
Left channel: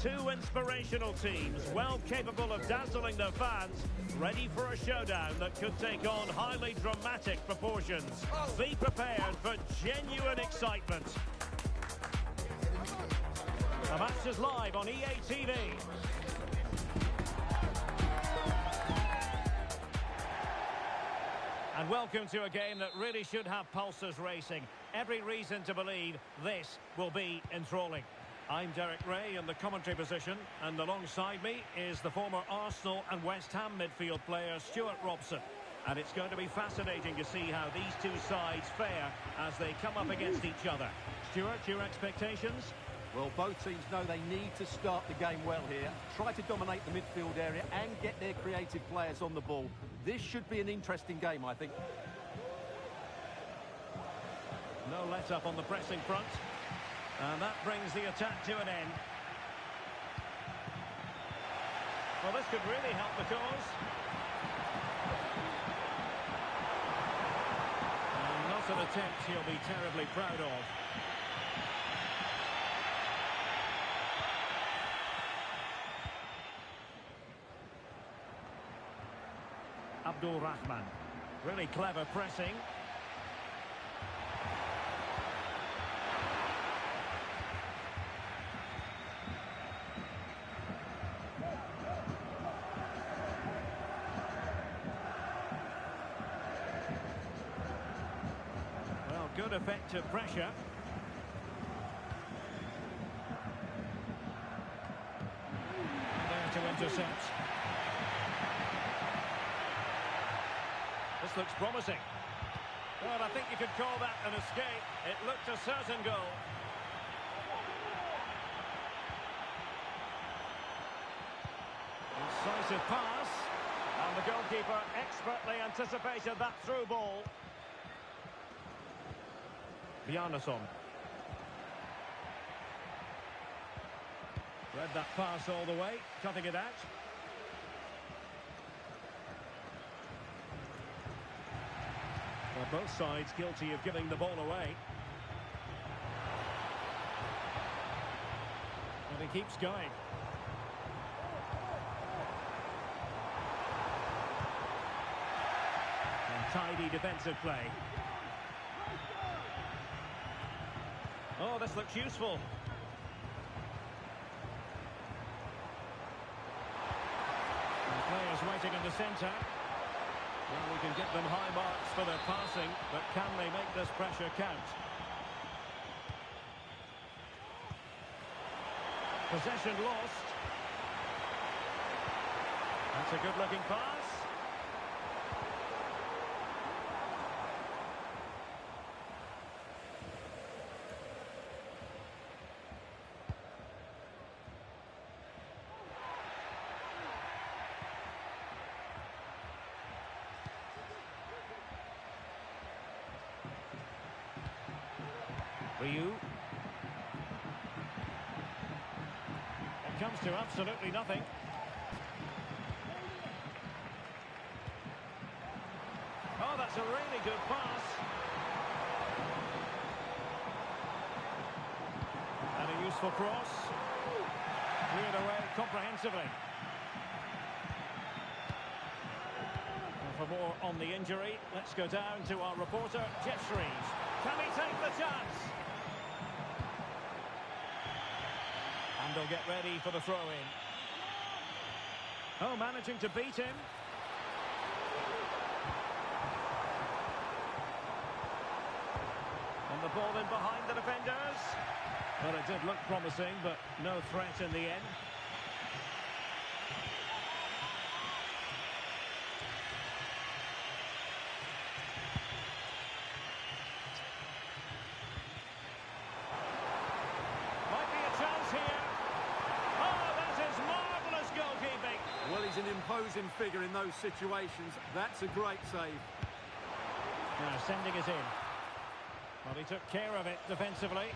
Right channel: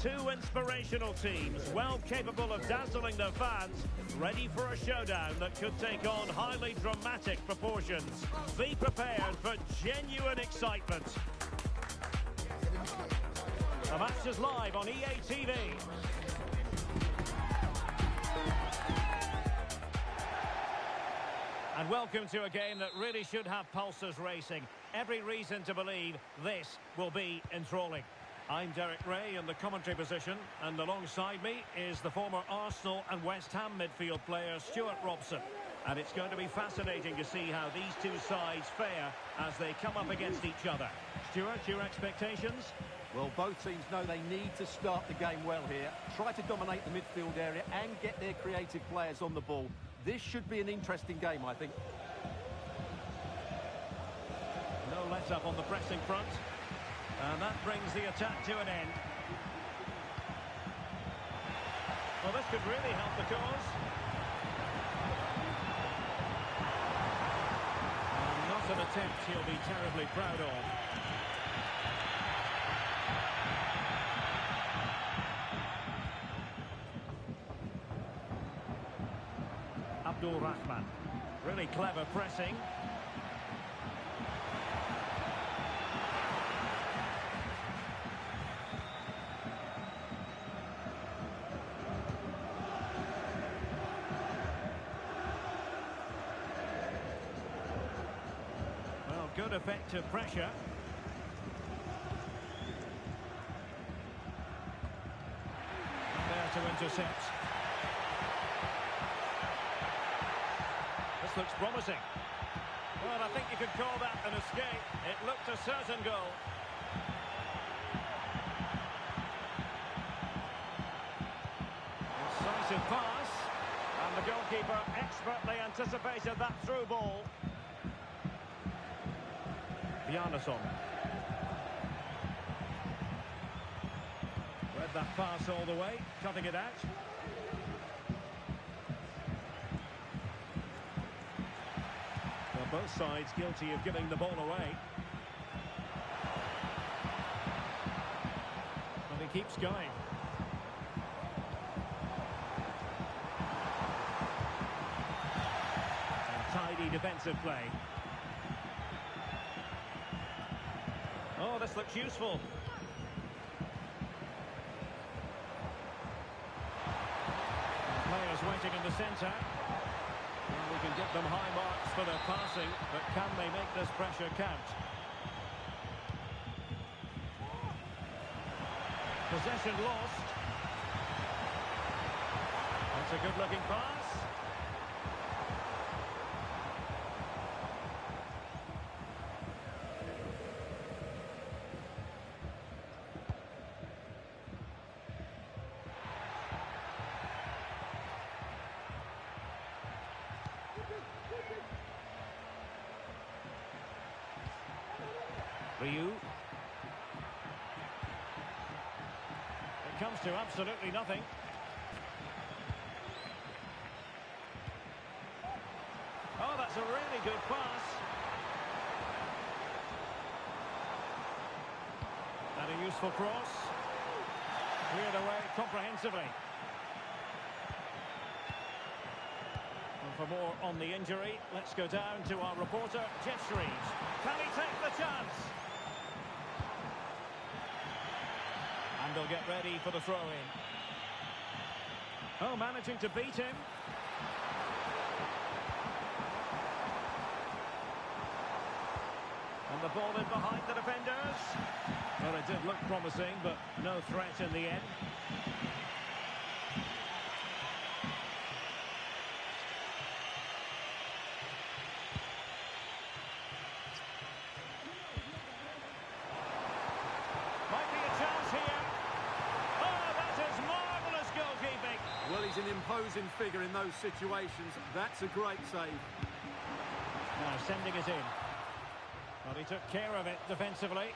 Two inspirational teams, well capable of dazzling their fans, ready for a showdown that could take on highly dramatic proportions. Be prepared for genuine excitement. The match is live on EA TV. And welcome to a game that really should have pulses racing. Every reason to believe this will be enthralling. I'm Derek Ray in the commentary position, and alongside me is the former Arsenal and West Ham midfield player Stuart Robson. And it's going to be fascinating to see how these two sides fare as they come up against each other. Stuart, your expectations? Well, both teams know they need to start the game well here. Try to dominate the midfield area and get their creative players on the ball. This should be an interesting game, I think. No let-up on the pressing front. And that brings the attack to an end. Well, this could really help the cause. And not an attempt he'll be terribly proud of. Abdul Rahman. Really clever pressing. Well, good effective pressure. And there to intercept. This looks promising. Well, I think you could call that an escape. It looked a certain goal. Incisive pass. And the goalkeeper expertly anticipated that through ball. Bjarnason. Read that pass all the way, cutting it out. Well, both sides guilty of giving the ball away. But he keeps going. And tidy defensive play. Oh, this looks useful. And players waiting in the centre. Well, we can get them high marks for their passing, but can they make this pressure count? Possession lost. That's a good-looking pass. Ryu. It comes to absolutely nothing. Oh, that's a really good pass. And a useful cross. Cleared away comprehensively. Well, for more on the injury, let's go down to our reporter, Jeff Shreves. Can he take the chance? And they'll get ready for the throw-in. Oh, managing to beat him. And the ball in behind the defenders. Well, it did look promising, but no threat in the end. Might be a chance here. Oh, that is marvellous goalkeeping. Well, he's an imposing figure in those situations. That's a great save. Now sending it in. Well, he took care of it defensively.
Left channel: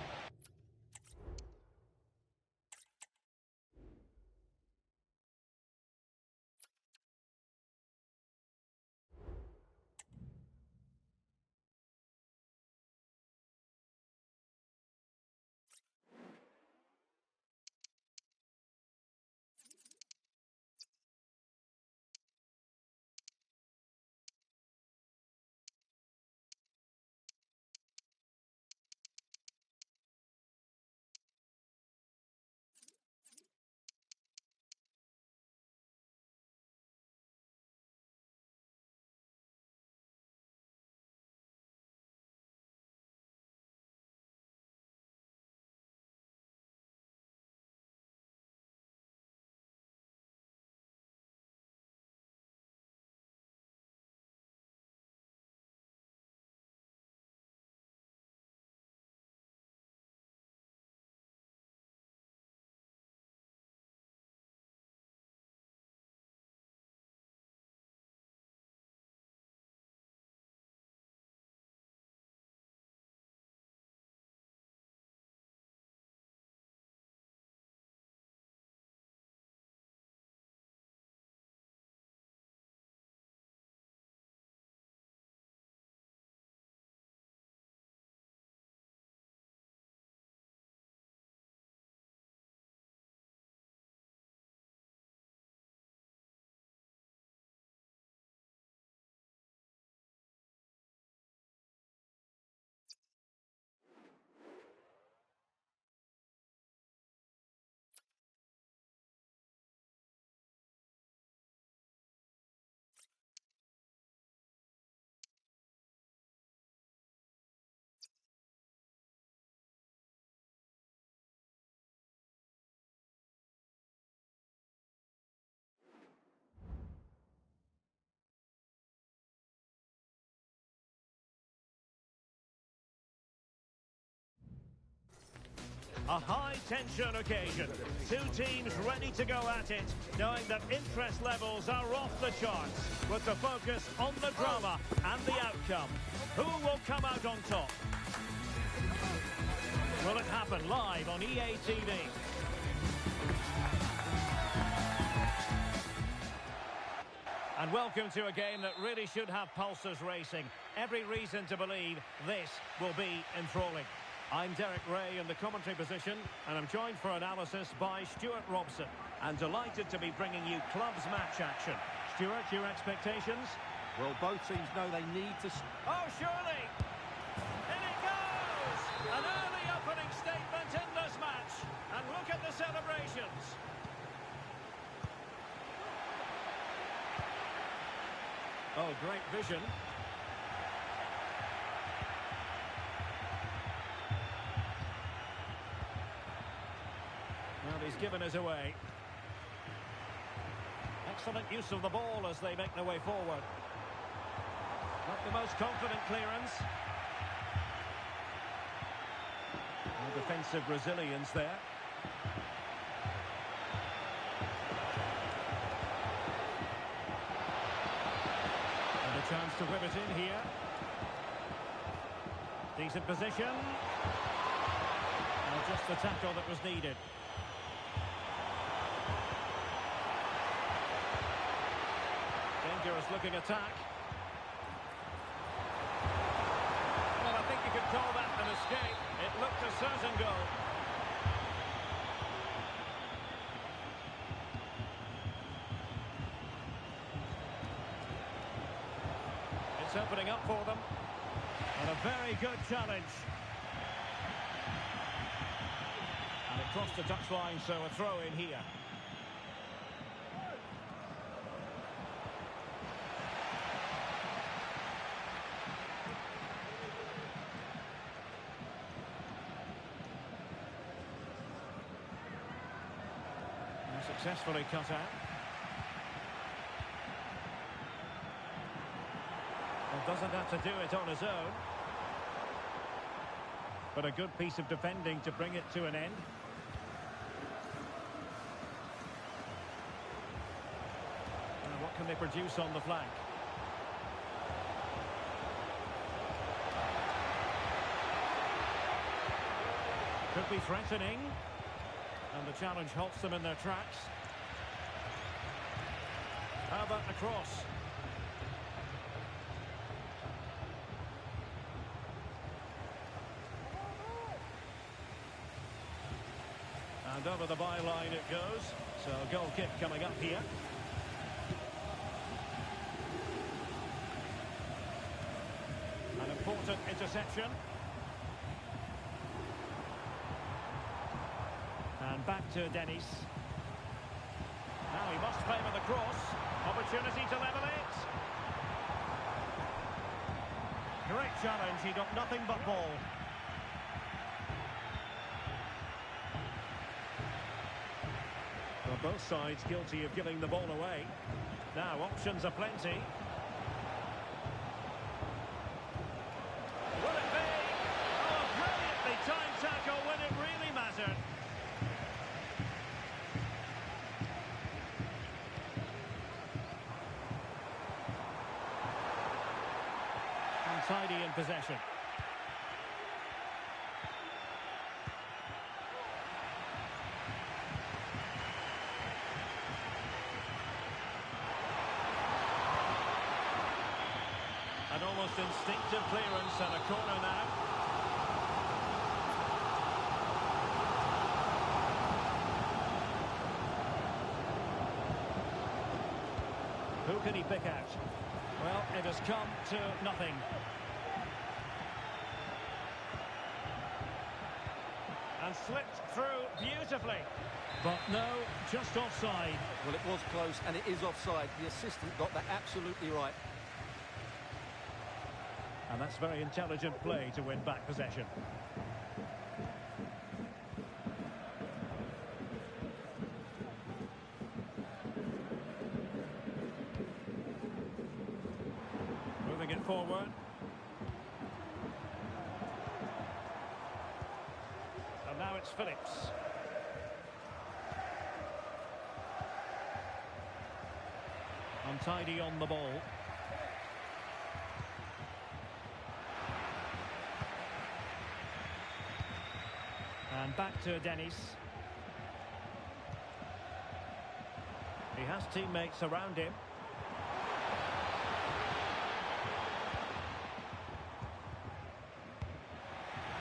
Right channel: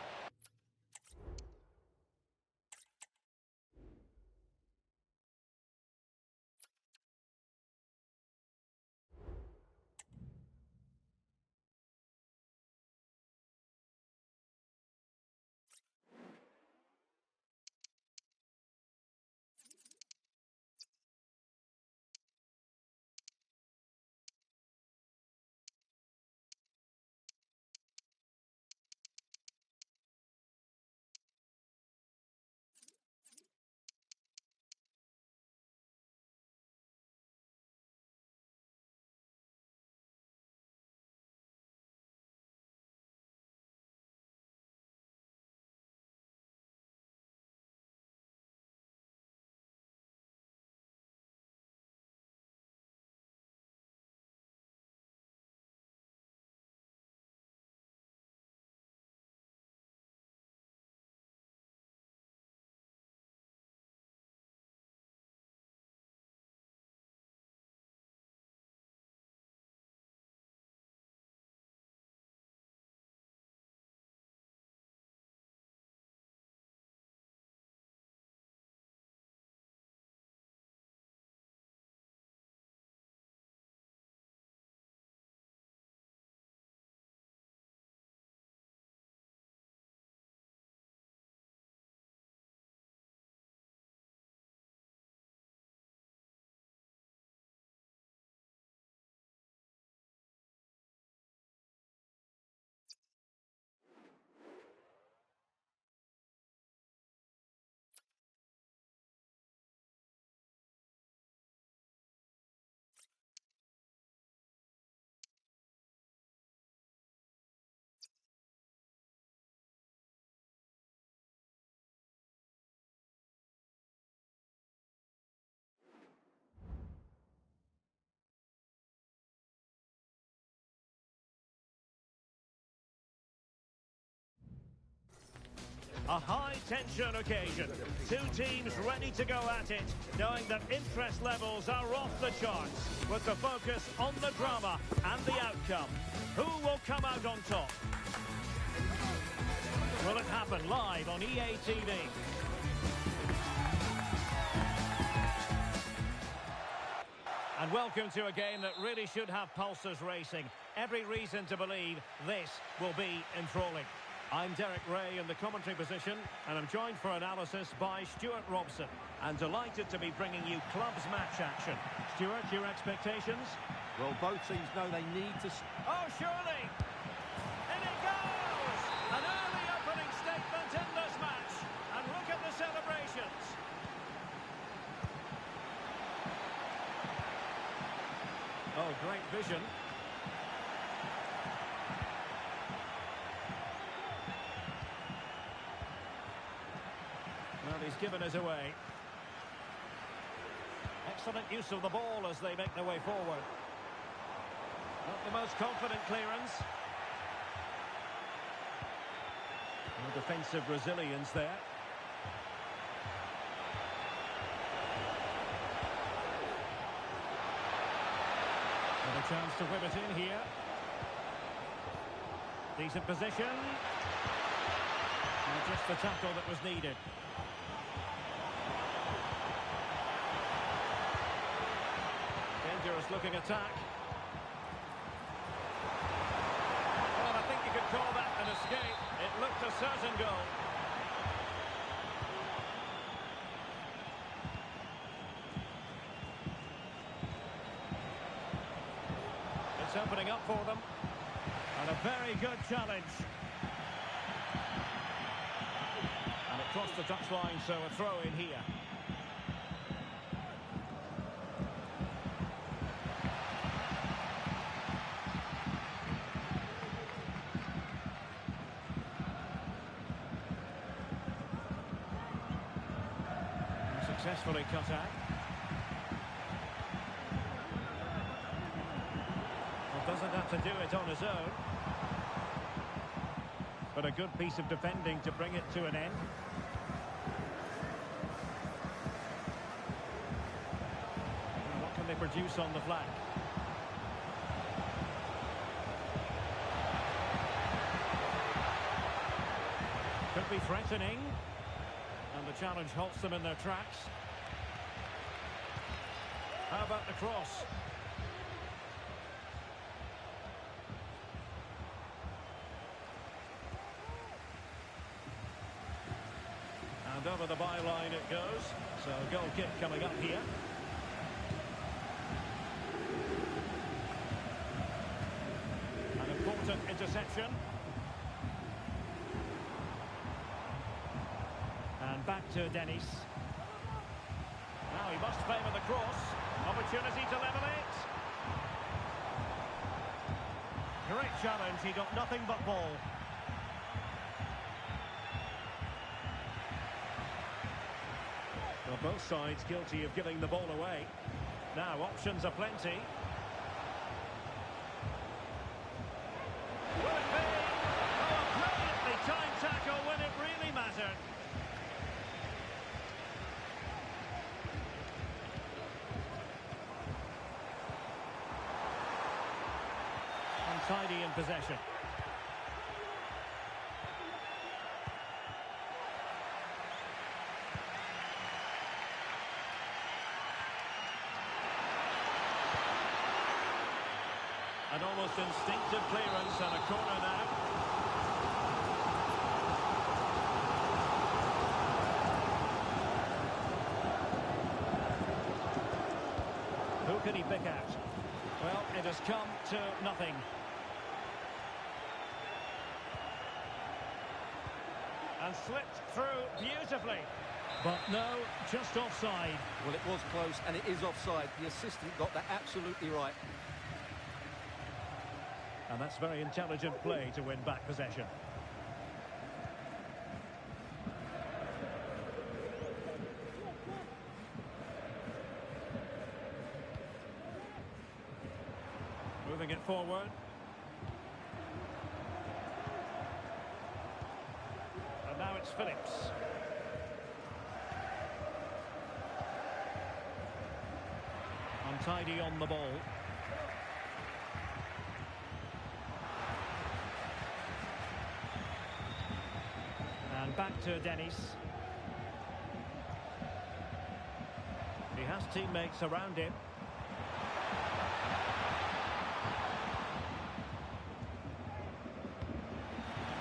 A high-tension occasion. Two teams ready to go at it, knowing that interest levels are off the charts, with the focus on the drama and the outcome. Who will come out on top? Will it happen live on EA TV? And welcome to a game that really should have pulses racing. Every reason to believe this will be enthralling. I'm Derek Ray in the commentary position, and I'm joined for analysis by Stuart Robson. And delighted to be bringing you clubs match action. Stuart, your expectations? Well, both teams know they need to... Oh, surely! In it goes! An early opening statement in this match. And look at the celebrations. Oh, great vision. Well, he's given us away. Excellent use of the ball as they make their way forward. Not the most confident clearance. No defensive resilience there. And a chance to whip it in here. Decent position. Well, just the tackle that was needed. Dangerous looking attack. Well, I think you could call that an escape. It looked a certain goal. It's opening up for them. And a very good challenge. And it crossed the touchline, so a throw in here. Successfully cut out. Well, doesn't have to do it on his own. But a good piece of defending to bring it to an end. Now, what can they produce on the flank? Could be threatening. And the challenge halts them in their tracks. How about the cross? And over the byline it goes. So a goal kick coming up here. An important interception. And back to Dennis. Now he must favour the cross. Opportunity to level it. Great challenge. He got nothing but ball. Well, both sides guilty of giving the ball away. Now options are plenty. Will it be? Oh, a brilliantly timed tackle when it really mattered. Untidy in possession. An almost instinctive clearance and a corner now. Who can he pick out? Well, it has come to nothing. And slipped through beautifully. But no, just offside. Well, it was close, and it is offside. The assistant got that absolutely right. And that's very intelligent play to win back possession. Moving it forward. And now it's Phillips. Untidy on the ball. And back to Dennis. He has teammates around him.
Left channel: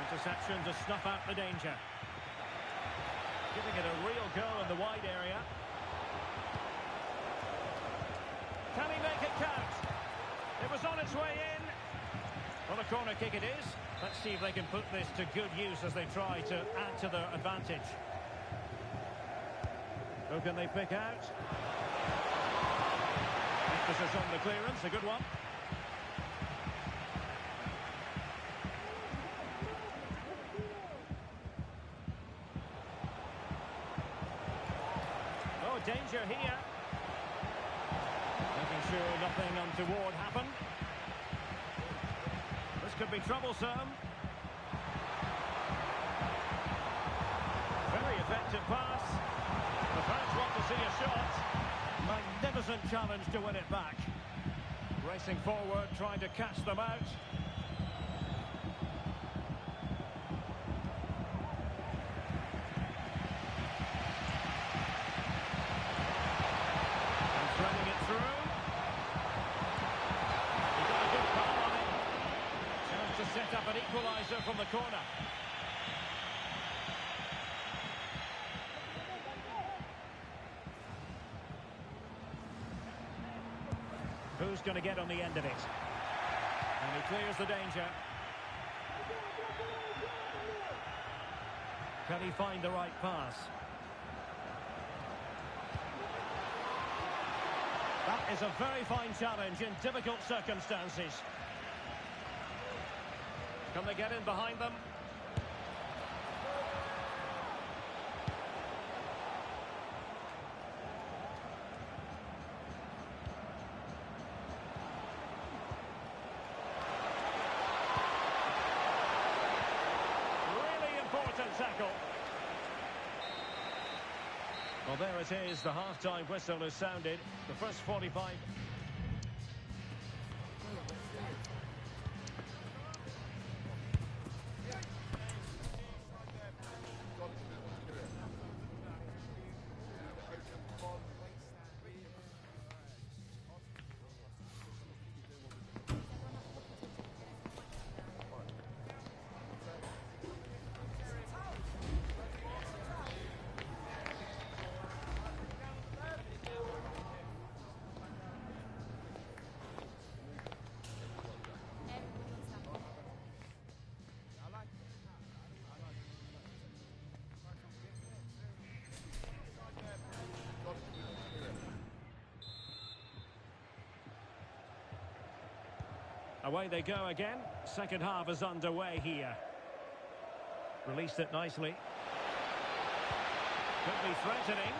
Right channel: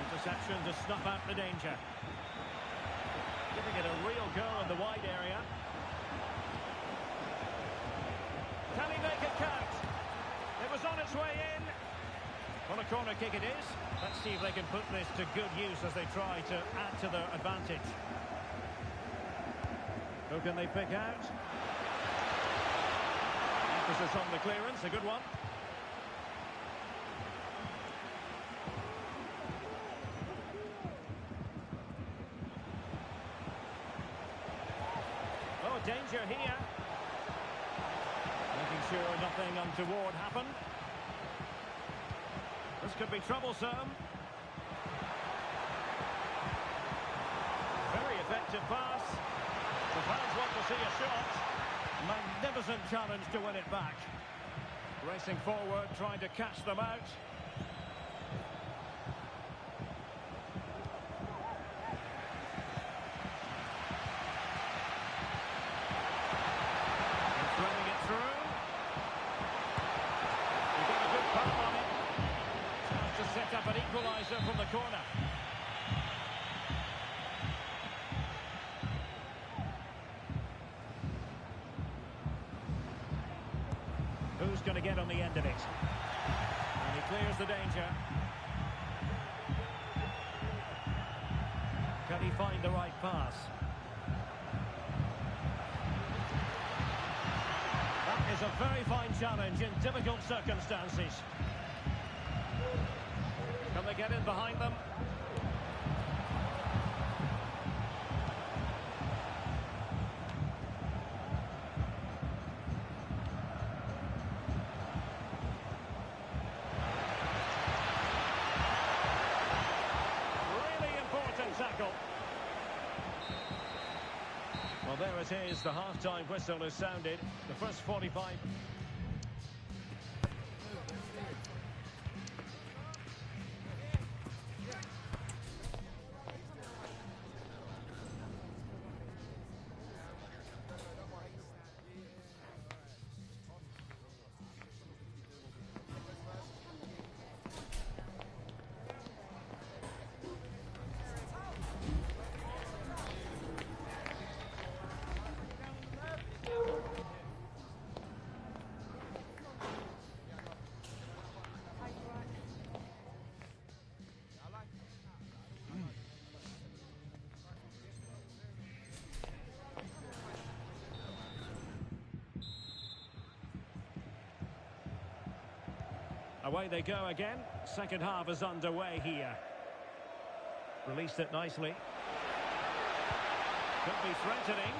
Interception to snuff out the danger. Giving it a real go in the wide area. Can he make it count? It was on its way in. Well, a corner kick it is. Let's see if they can put this to good use as they try to add to their advantage. Who can they pick out? Emphasis on the clearance, a good one. Oh, danger here. Making sure nothing untoward happened. This could be troublesome. Very effective pass. The fans want to see a shot. Magnificent challenge to win it back. Racing forward, trying to catch them out. And threading it through. He got a good palm on it. Chance to set up an equaliser from the corner. Who's going to get on the end of it? And he clears the danger. Can he find the right pass? That is a very fine challenge in difficult circumstances. Can they get in behind them? Tackle. Well, there it is. The half-time whistle is sounded. The first 45. Away they go again. Second half is underway here. Released it nicely. Could be threatening.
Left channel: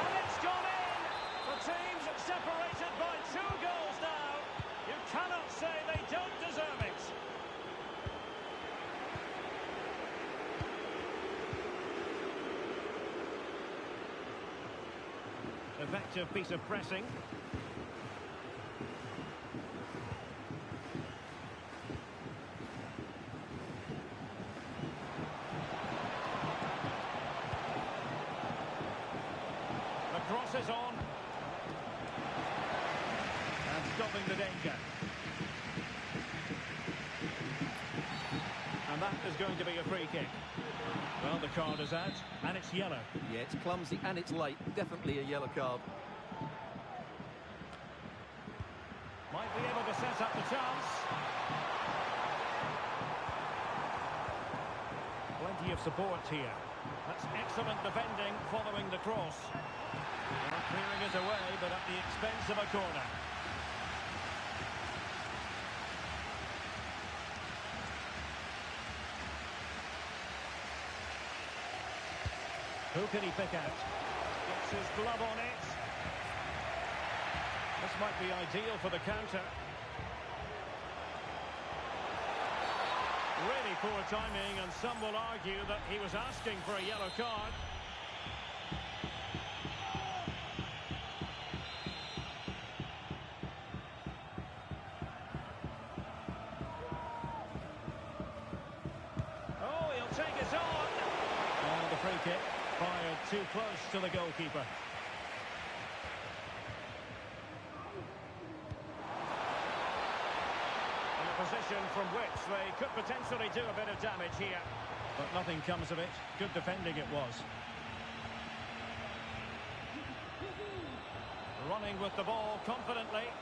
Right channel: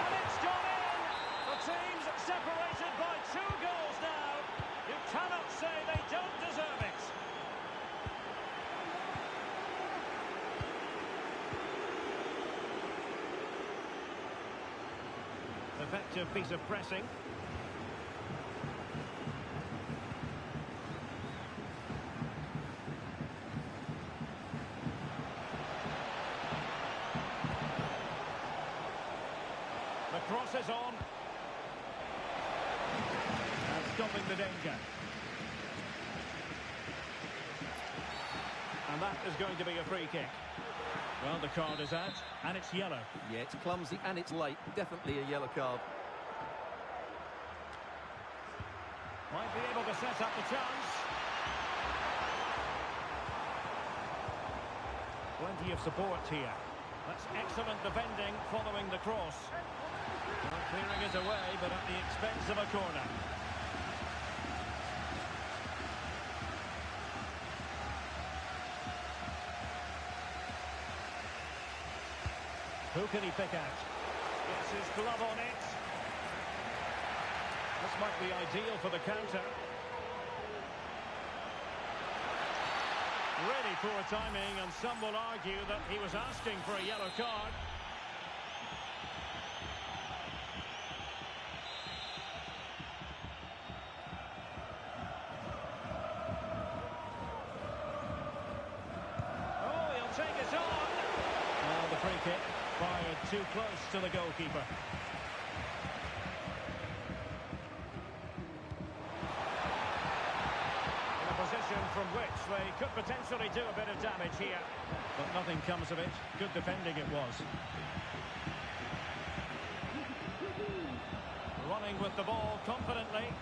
And it's gone in! The team's separated by 2 goals now. You cannot say they don't deserve it. Effective piece of pressing. The cross is on. And stopping the danger. And that is going to be a free kick. Well, the card is out, and it's yellow. Yeah, it's clumsy and it's late. Definitely a yellow card. Might be able to set up the chance. Plenty of support here. That's excellent defending following the cross. Well, clearing it away, but at the expense of a corner. Who can he pick out? Gets his glove on it. This might be ideal for the counter. Really poor timing, and some will argue that he was asking for a yellow card. Oh, he'll take it on. Oh, the free kick fired too close to the goalkeeper. Position from which they could potentially do a bit of damage here. But nothing comes of it. Good defending it was. Running with the ball confidently.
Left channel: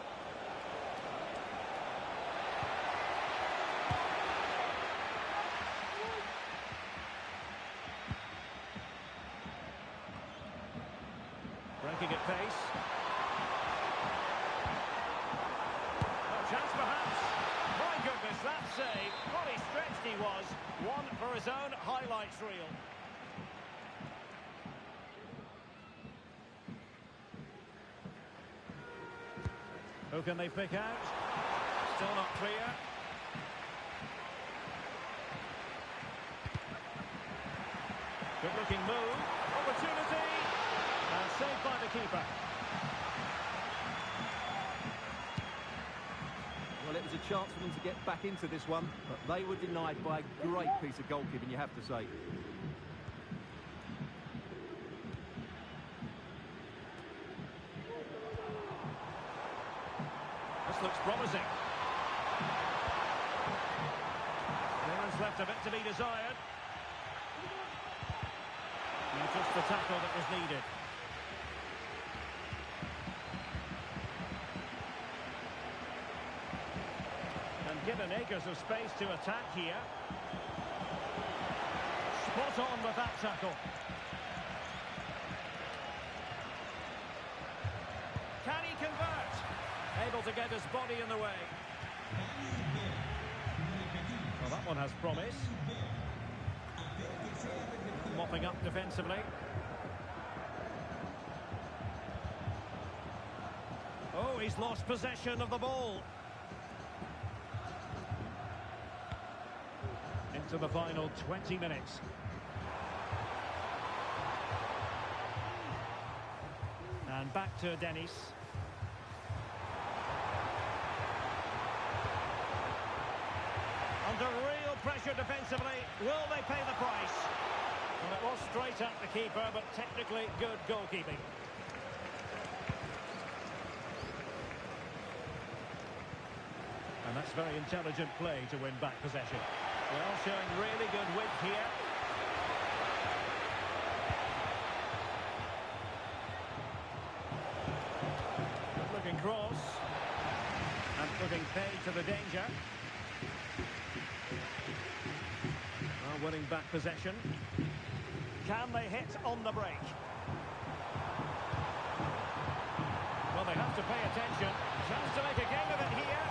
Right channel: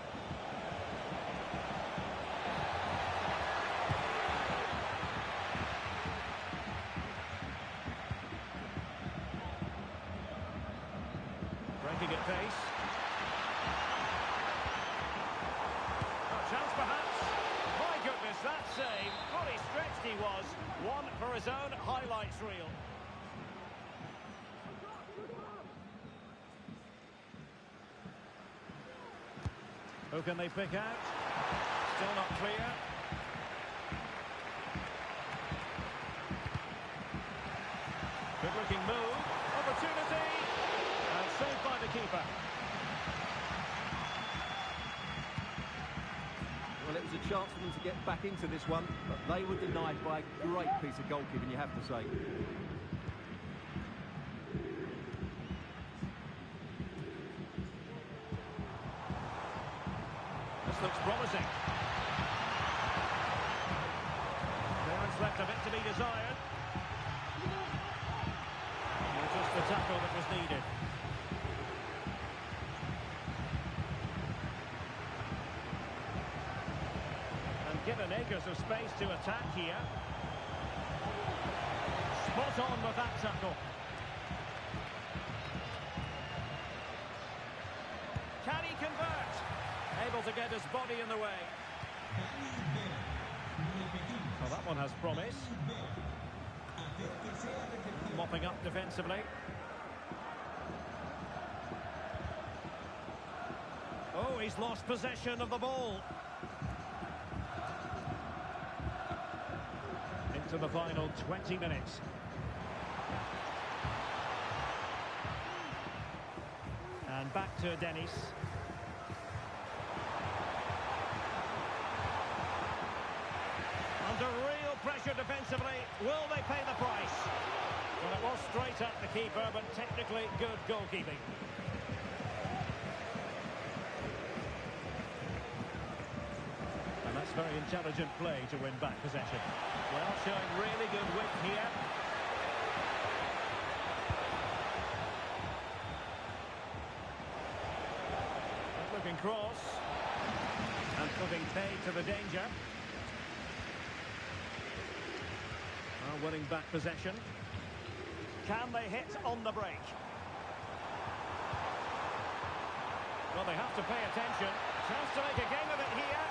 Breaking at pace. A chance perhaps. My goodness, that save. Fully stretched he was. One for his own highlights reel. Who can they pick out? Still not clear. Good looking move. Opportunity. And saved by the keeper. Well, it was a chance for them to get back into this one, but they were denied by a great piece of goalkeeping, you have to say. This looks promising. Clearance left a bit to be desired. And just the tackle that was needed. And given acres of space to attack here. Spot on with that tackle. Can he convert? Able to get his body in the way. Well, that one has promise. Mopping up defensively. Oh, he's lost possession of the ball. Into the final 20 minutes. And back to Dennis. Under real pressure defensively. Will they pay the price? Well, it was straight at the keeper, but technically good goalkeeping. And that's very intelligent play to win back possession. Well, showing really good width here. Good looking cross. And putting paid to the danger. Well, winning back possession. Can they hit on the break? Well, they have to pay attention. Chance to make a game of it here.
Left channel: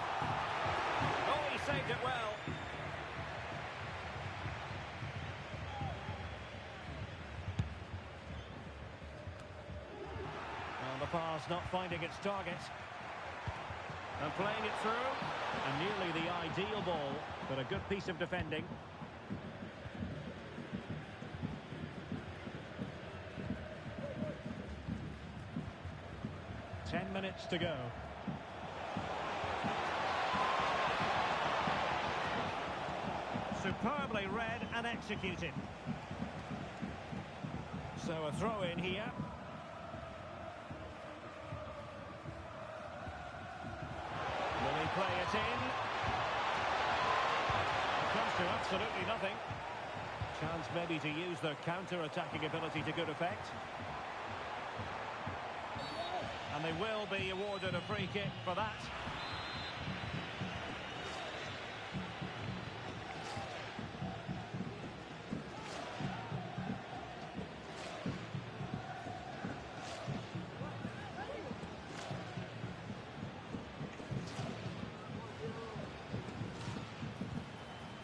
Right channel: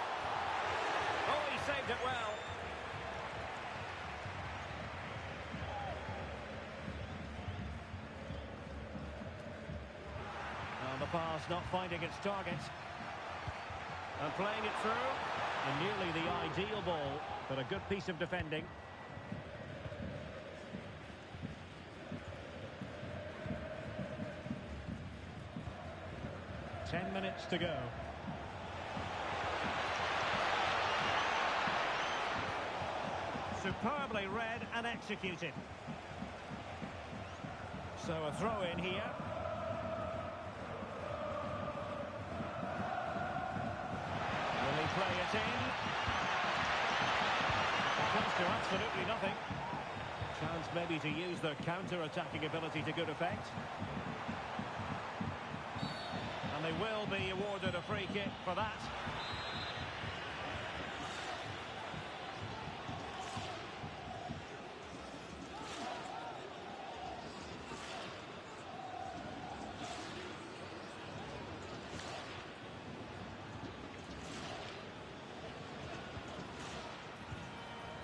Oh, he saved it well. And the pass not finding its target. And playing it through. And nearly the ideal ball, but a good piece of defending. Ten minutes to go. Superbly read and executed. So a throw in here. Will he play it in? It comes to absolutely nothing. Chance maybe to use their counter-attacking ability to good effect. And they will be awarded a free kick for that.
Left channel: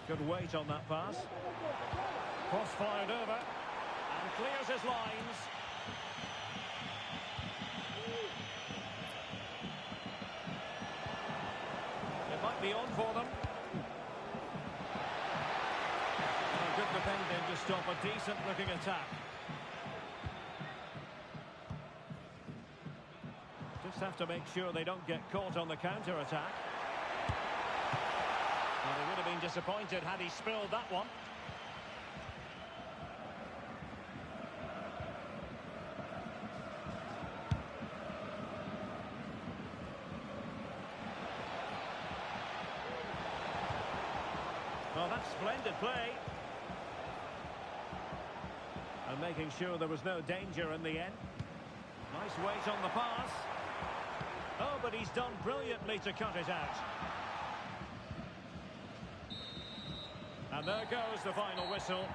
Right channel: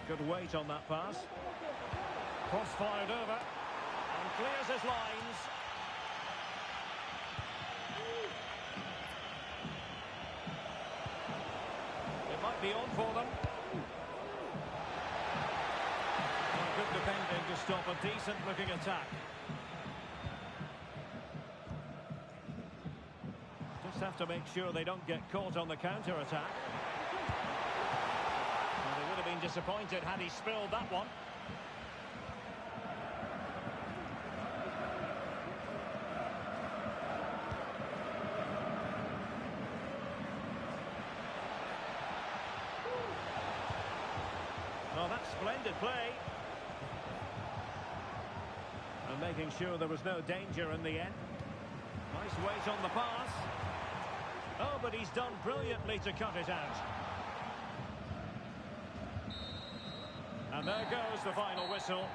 Good weight on that pass. Cross fired over. And clears his lines. It might be on for them. defending to stop a decent-looking attack. Just have to make sure they don't get caught on the counter-attack. Well, he would have been disappointed had he spilled that one. Well, that's splendid play. And making sure there was no danger in the end. Nice weight on the pass. Oh, but he's done brilliantly to cut it out. And there goes the final whistle.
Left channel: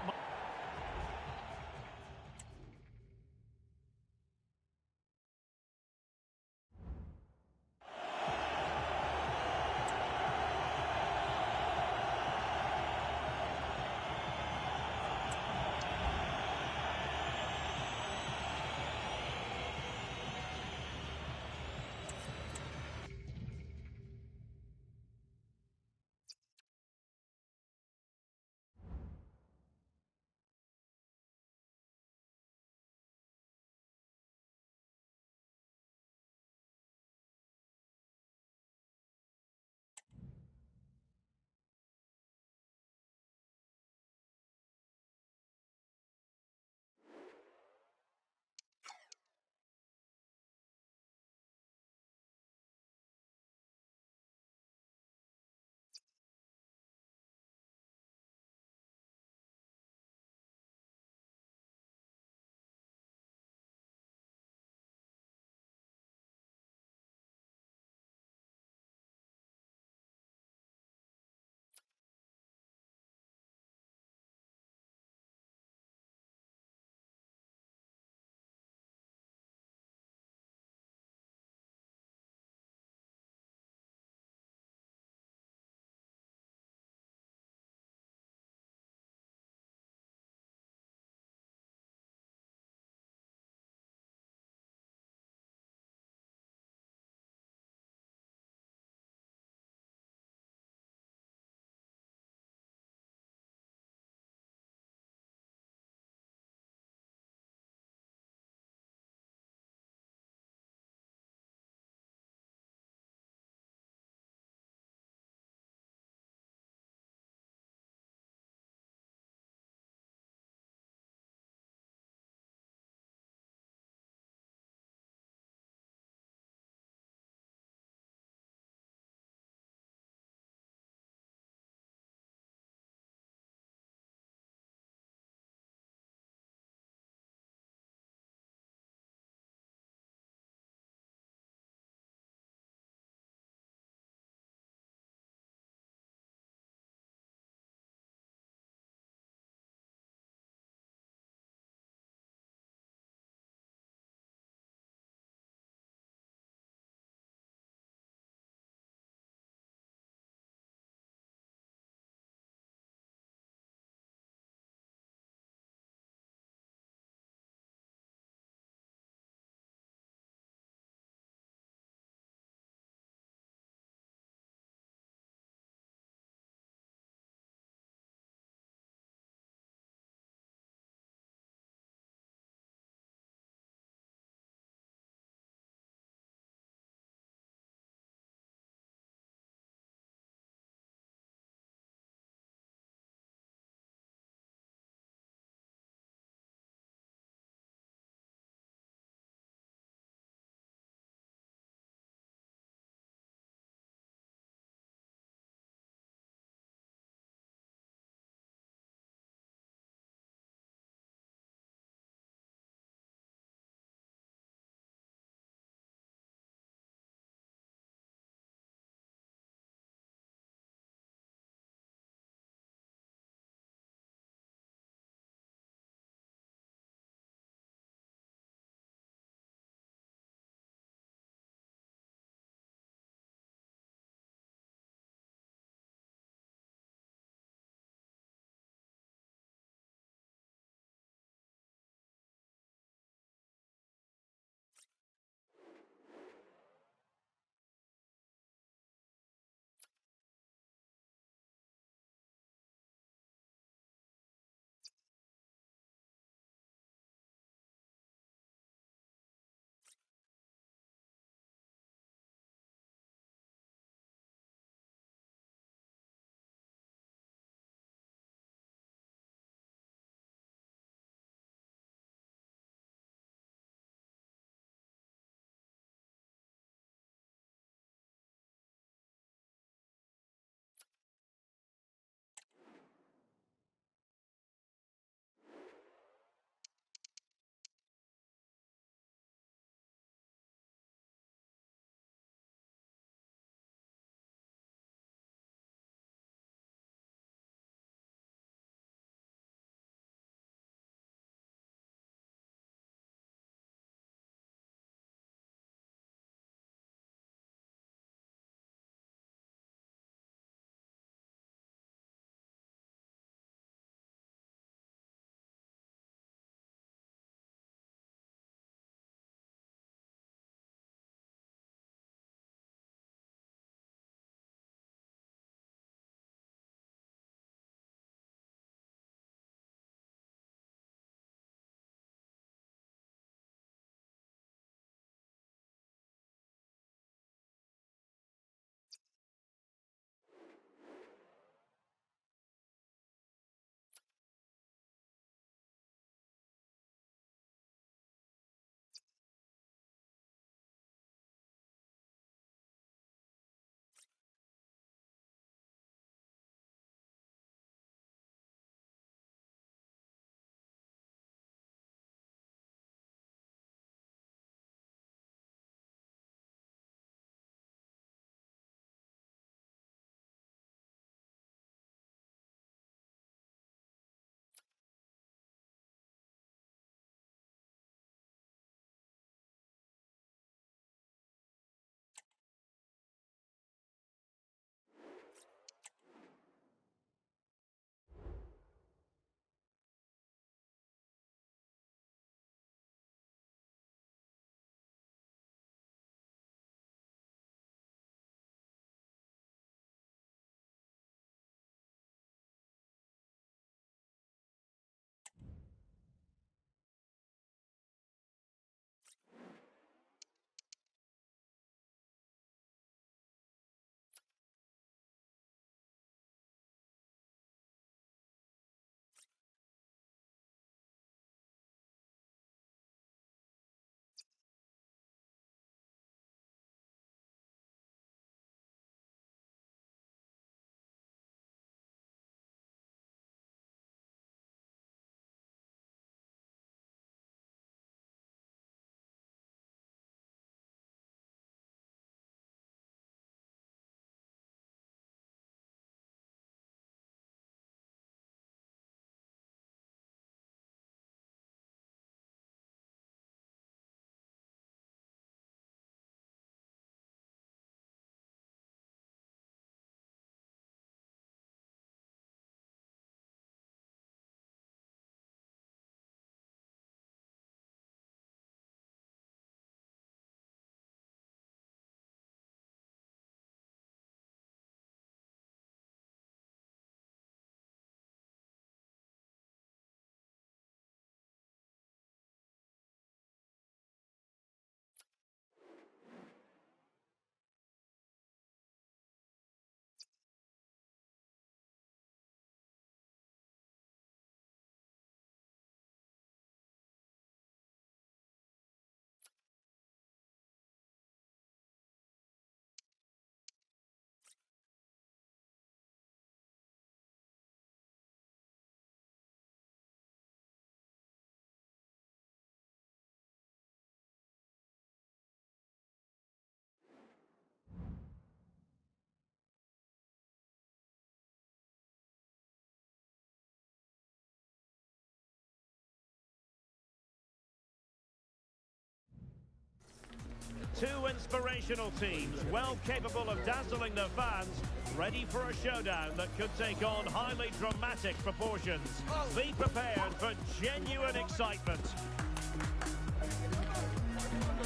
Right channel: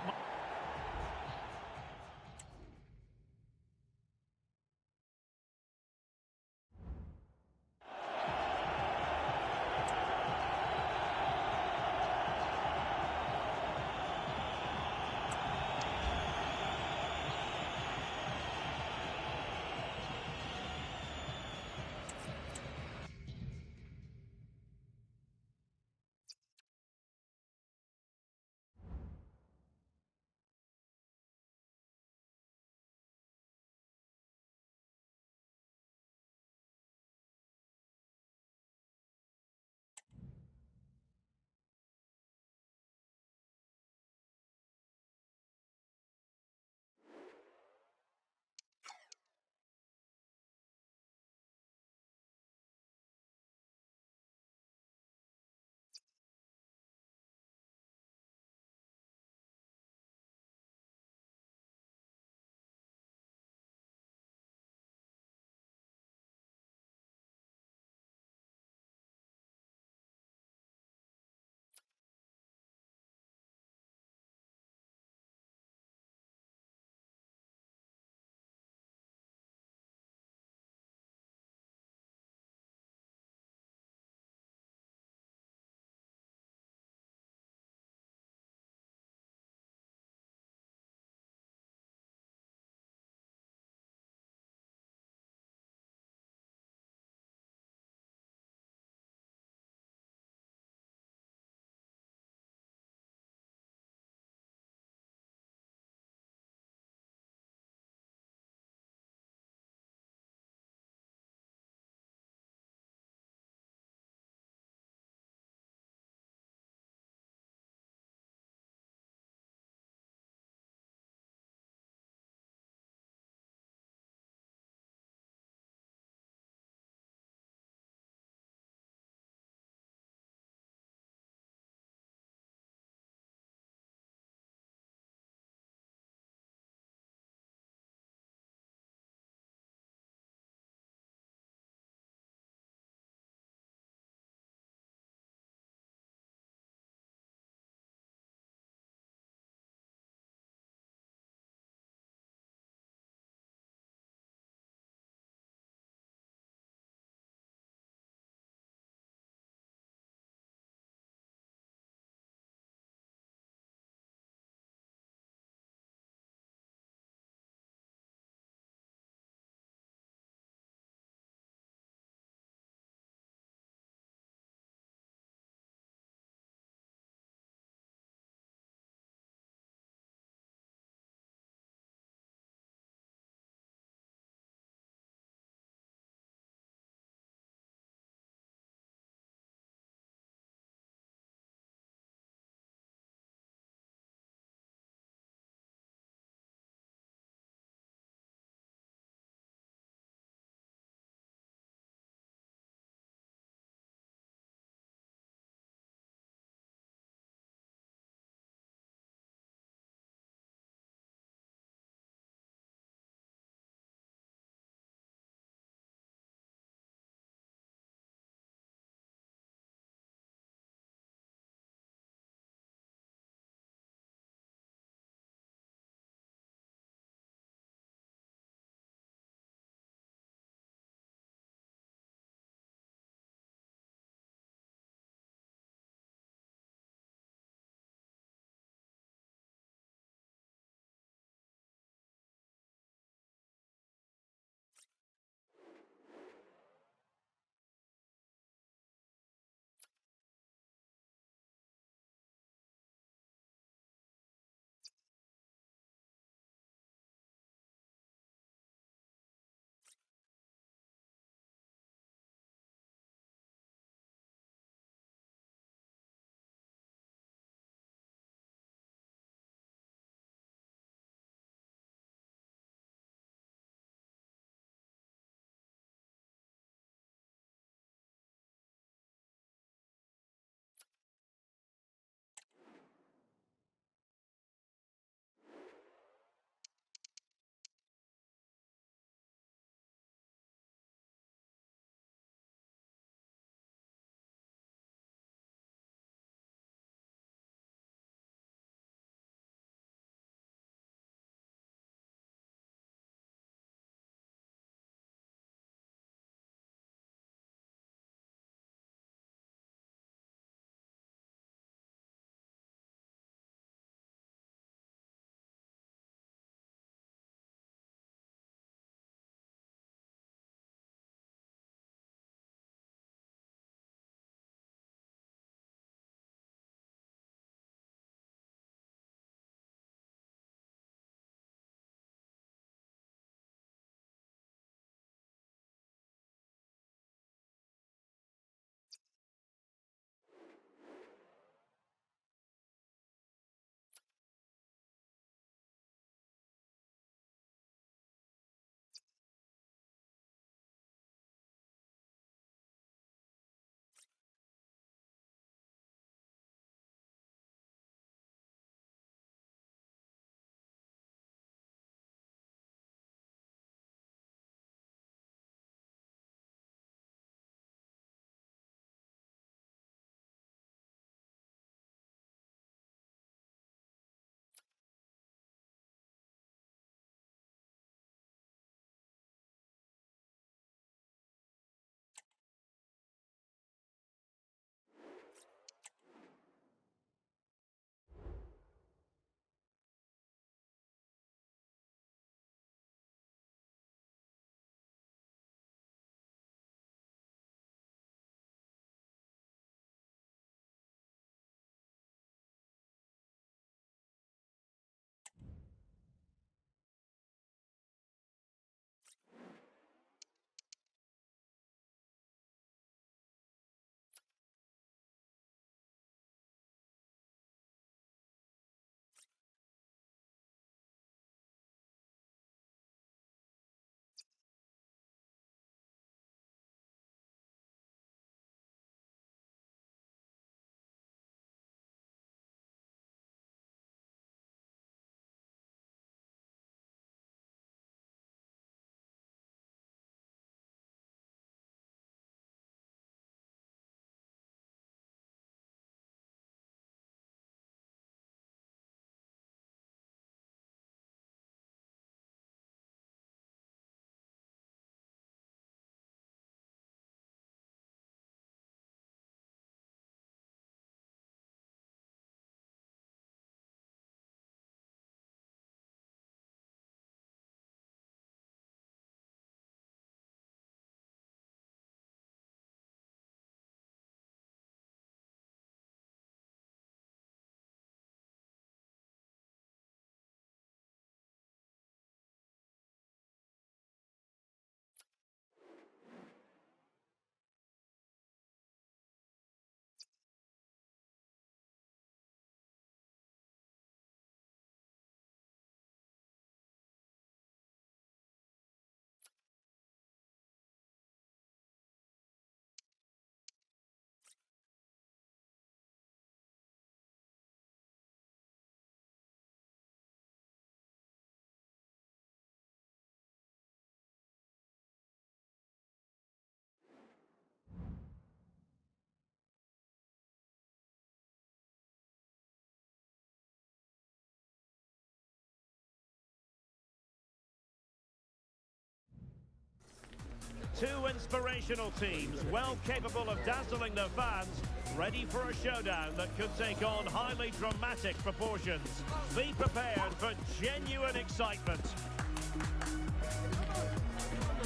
Two inspirational teams, well capable of dazzling their fans, ready for a showdown that could take on highly dramatic proportions. Be prepared for genuine excitement.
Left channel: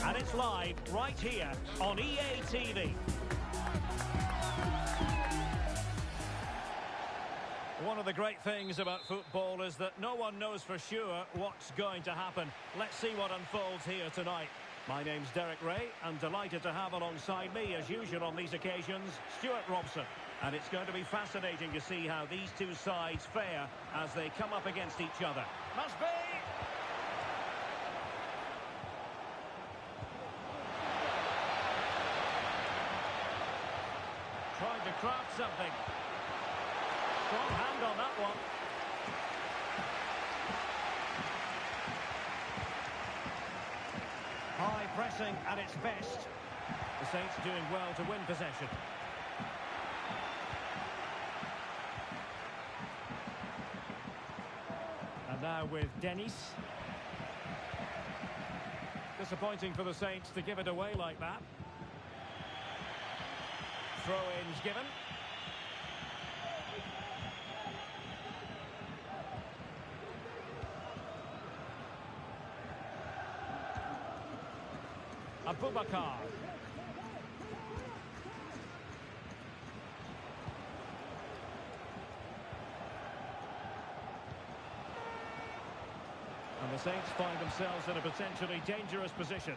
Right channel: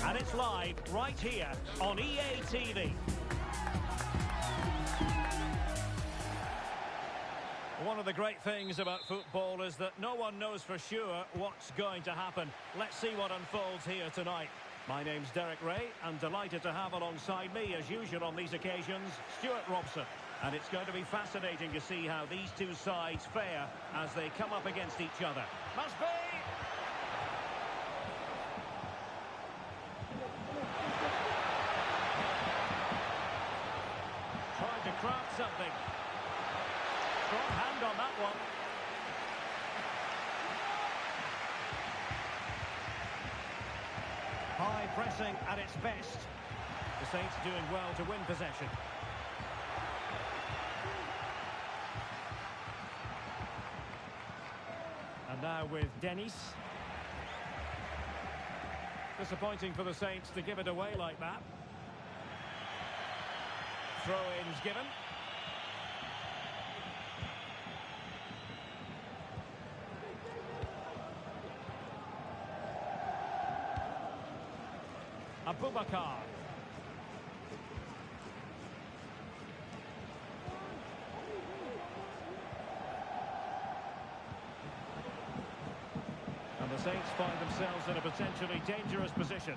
And it's live right here on EA TV. One of the great things about football is that no one knows for sure what's going to happen. Let's see what unfolds here tonight. My name's Derek Ray. I'm delighted to have alongside me, as usual on these occasions, Stuart Robson. And it's going to be fascinating to see how these two sides fare as they come up against each other. Must be! Trying to craft something. Strong hand on that one. High pressing at its best. The Saints doing well to win possession. And now with Dennis. Disappointing for the Saints to give it away like that. Throw-ins given. Abubakar. And the Saints find themselves in a potentially dangerous position.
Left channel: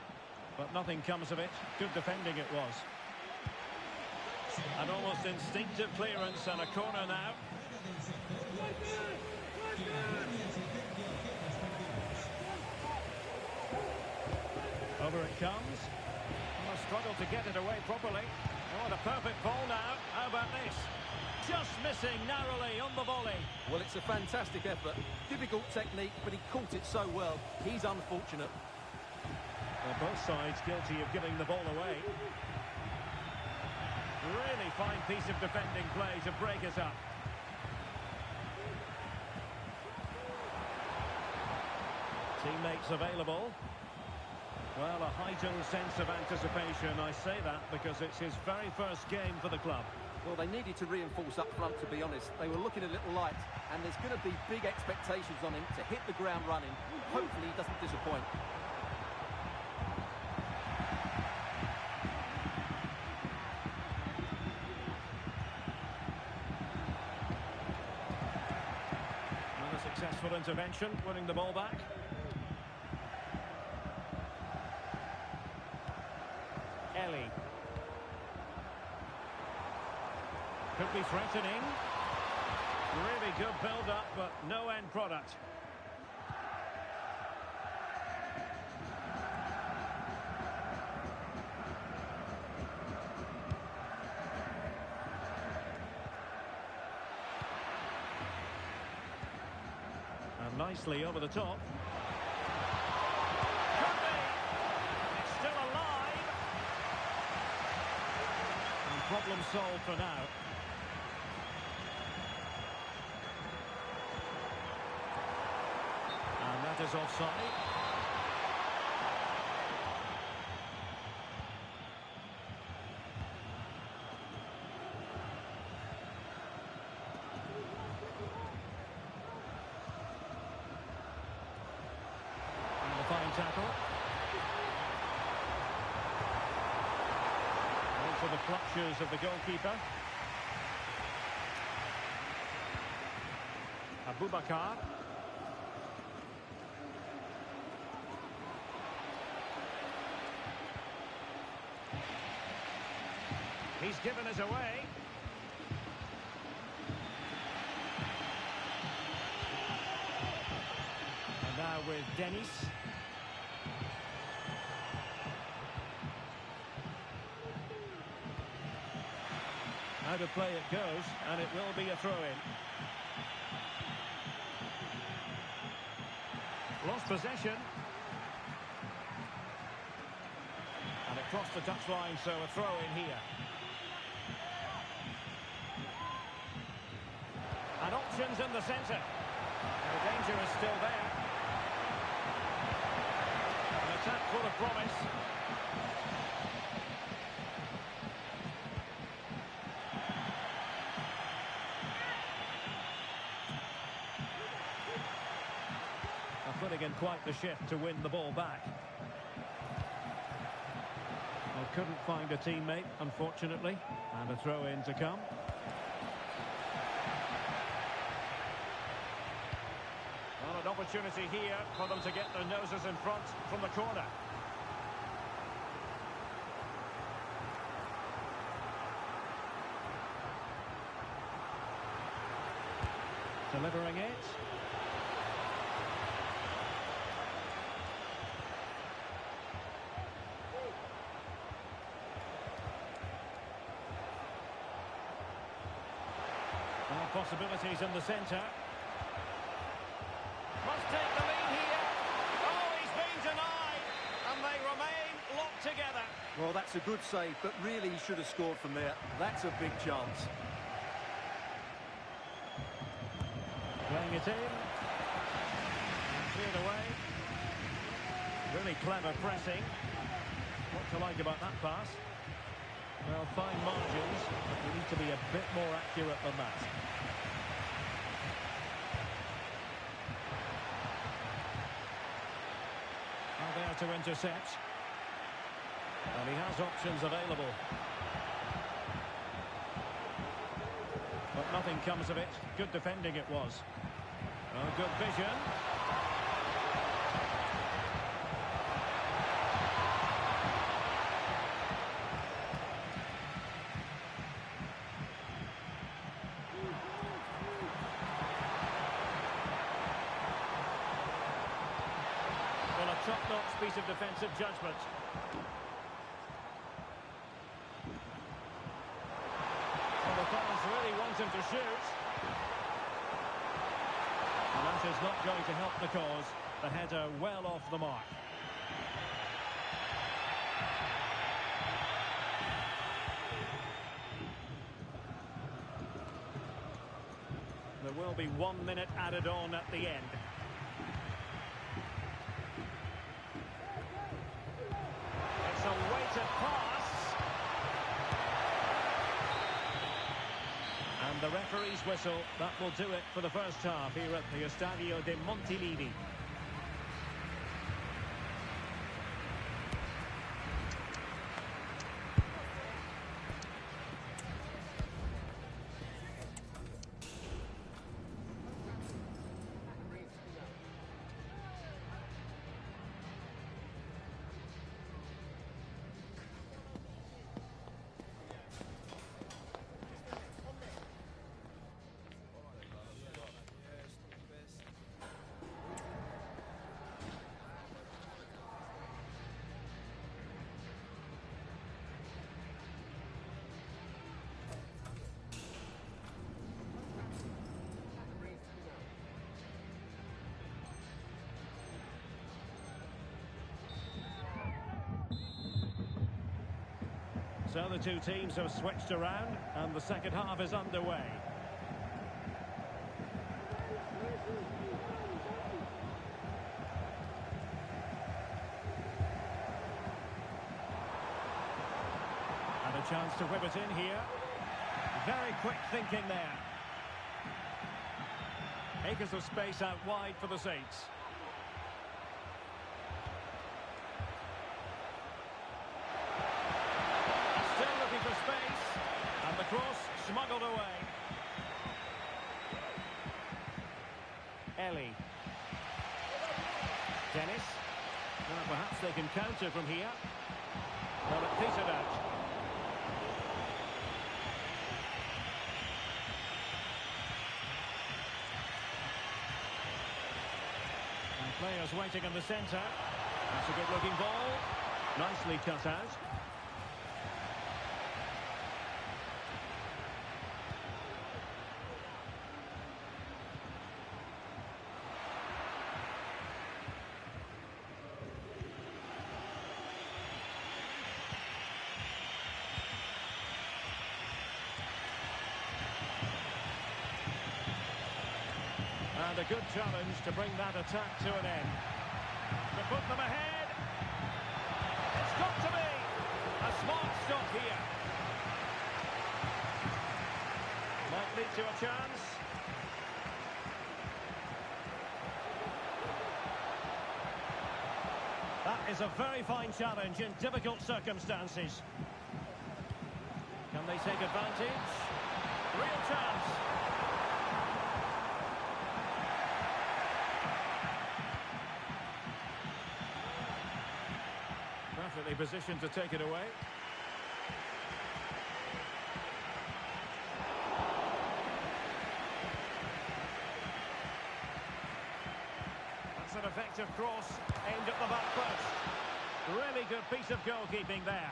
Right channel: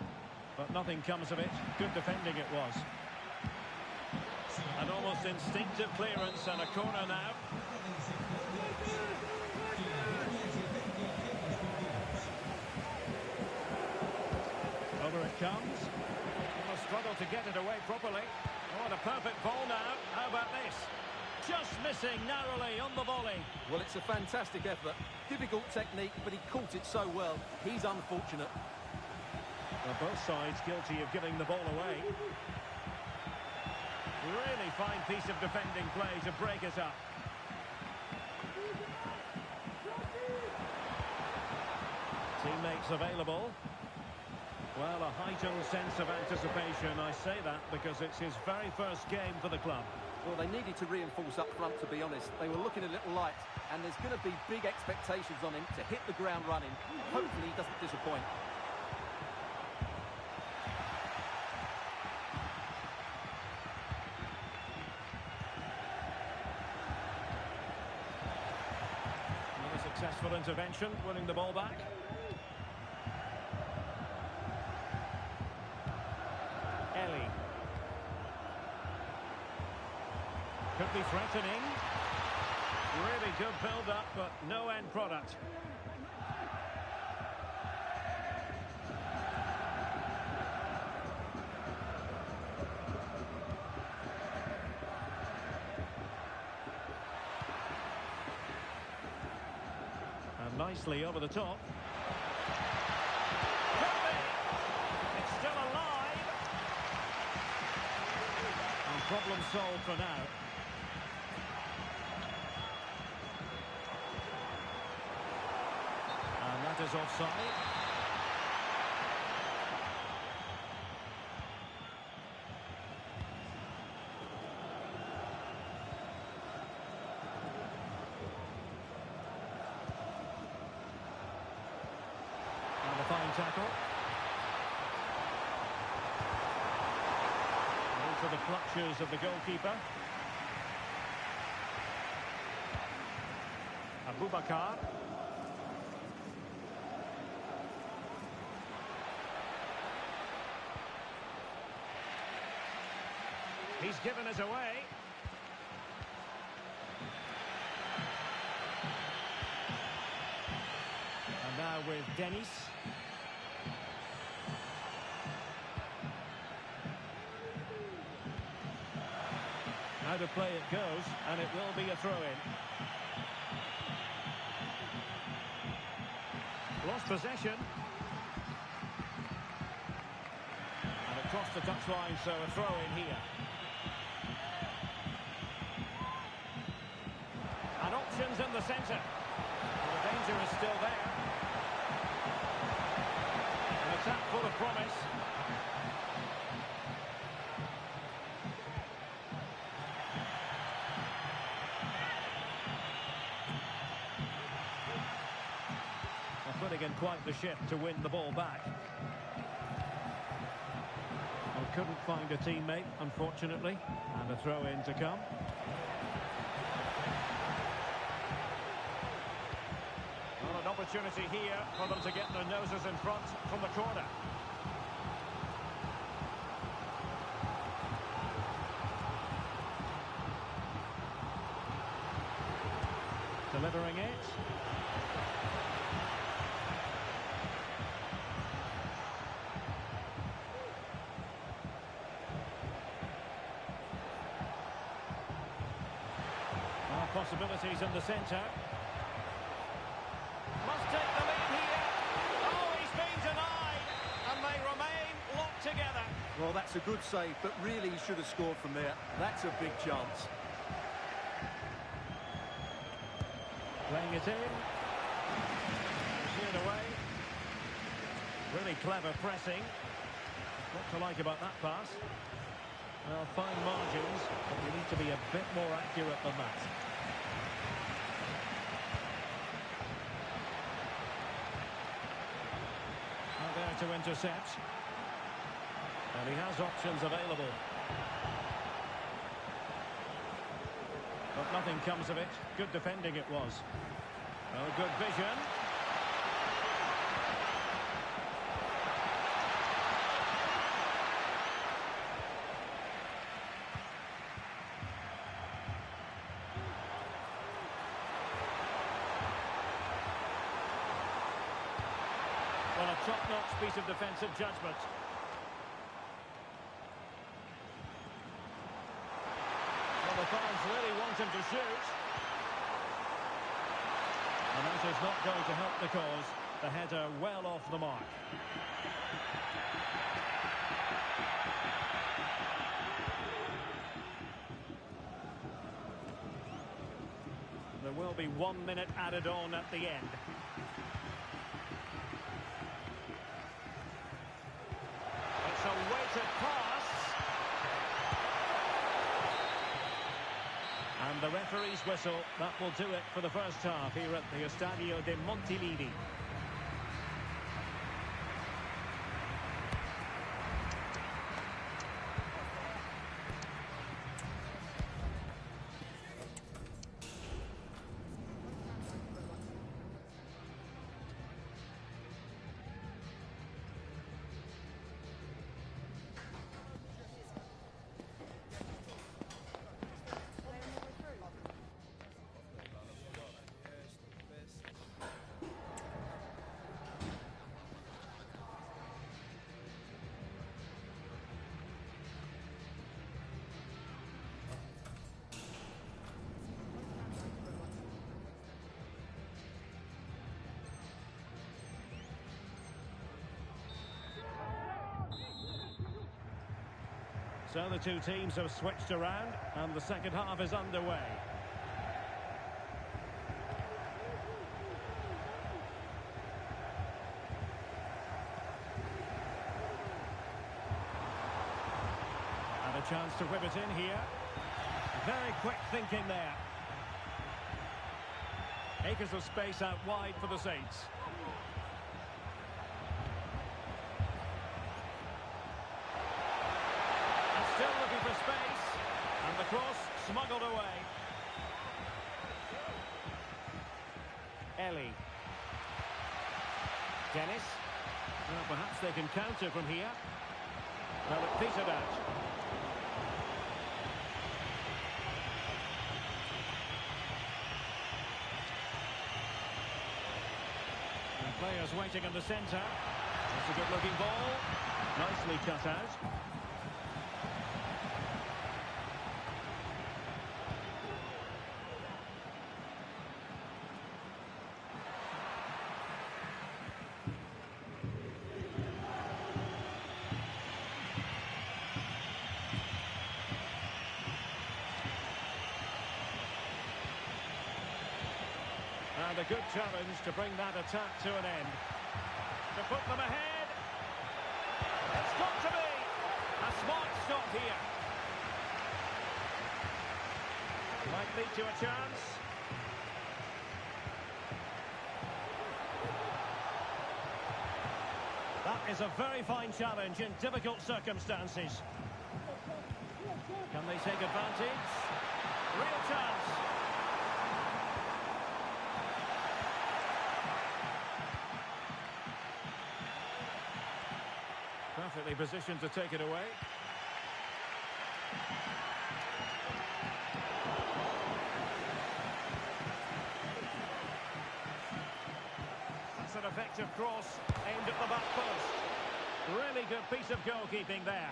But nothing comes of it. Good defending it was. An almost instinctive clearance and a corner now. Over it comes. And a struggle to get it away properly. Oh, and a perfect ball now. How about this? Just missing narrowly on the volley. Well, it's a fantastic effort. Difficult technique, but he caught it so well. He's unfortunate. Well, both sides guilty of giving the ball away. Really fine piece of defending play to break us up. Teammates available. Well, a heightened sense of anticipation. I say that because it's his very first game for the club. Well, they needed to reinforce up front, to be honest. They were looking a little light, and there's going to be big expectations on him to hit the ground running. Hopefully he doesn't disappoint. Another successful intervention, winning the ball back. Ellie. Could be threatening. Really good build-up, but no end product. And nicely over the top. Could be. It's still alive. And problem solved for now. And that is offside. And a fine tackle. Into the clutches of the goalkeeper. Abubakar. He's given us away. And now with Dennis. Out of play it goes, and it will be a throw-in. Lost possession. And it crossed the touchline, so a throw-in here. And options in the centre. And the danger is still there. An attack full of promise. putting in quite the shift to win the ball back. Well, couldn't find a teammate, unfortunately. And a throw-in to come. Well, an opportunity here for them to get their noses in front from the corner. Delivering it. Well, possibilities in the centre. Must take the lead here. Oh, he's been denied. And they remain locked together. Well, that's a good save, but really he should have scored from there. That's a big chance. Playing it in. And cleared away. Really clever pressing. What to like about that pass? Well, fine margins, but you need to be a bit more accurate than that. Now there to intercept. And he has options available. But nothing comes of it. Good defending it was. Well, good vision. Well, a top-notch piece of defensive judgment. Well, the fans really want him to shoot. And that is not going to help the cause. The header well off the mark. There will be 1 minute added on at the end. It's a weighted pass. And the referee's whistle, that will do it for the first half here at the Estadio de Montilivi. So the two teams have switched around and the second half is underway. And a chance to whip it in here. Very quick thinking there. Acres of space out wide for the Saints. Still looking for space, and the cross smuggled away. Ellie. Dennis. Well, perhaps they can counter from here. Well, it petered out. And players waiting in the centre. That's a good-looking ball. Nicely cut out. And a good challenge to bring that attack to an end. To put them ahead. It's got to be a smart stop here. Might lead to a chance. is a very fine challenge in difficult circumstances. Can they take advantage? Real chance. Perfectly positioned to take it away. That's an effective cross aimed at the back post. Really good piece of goalkeeping there.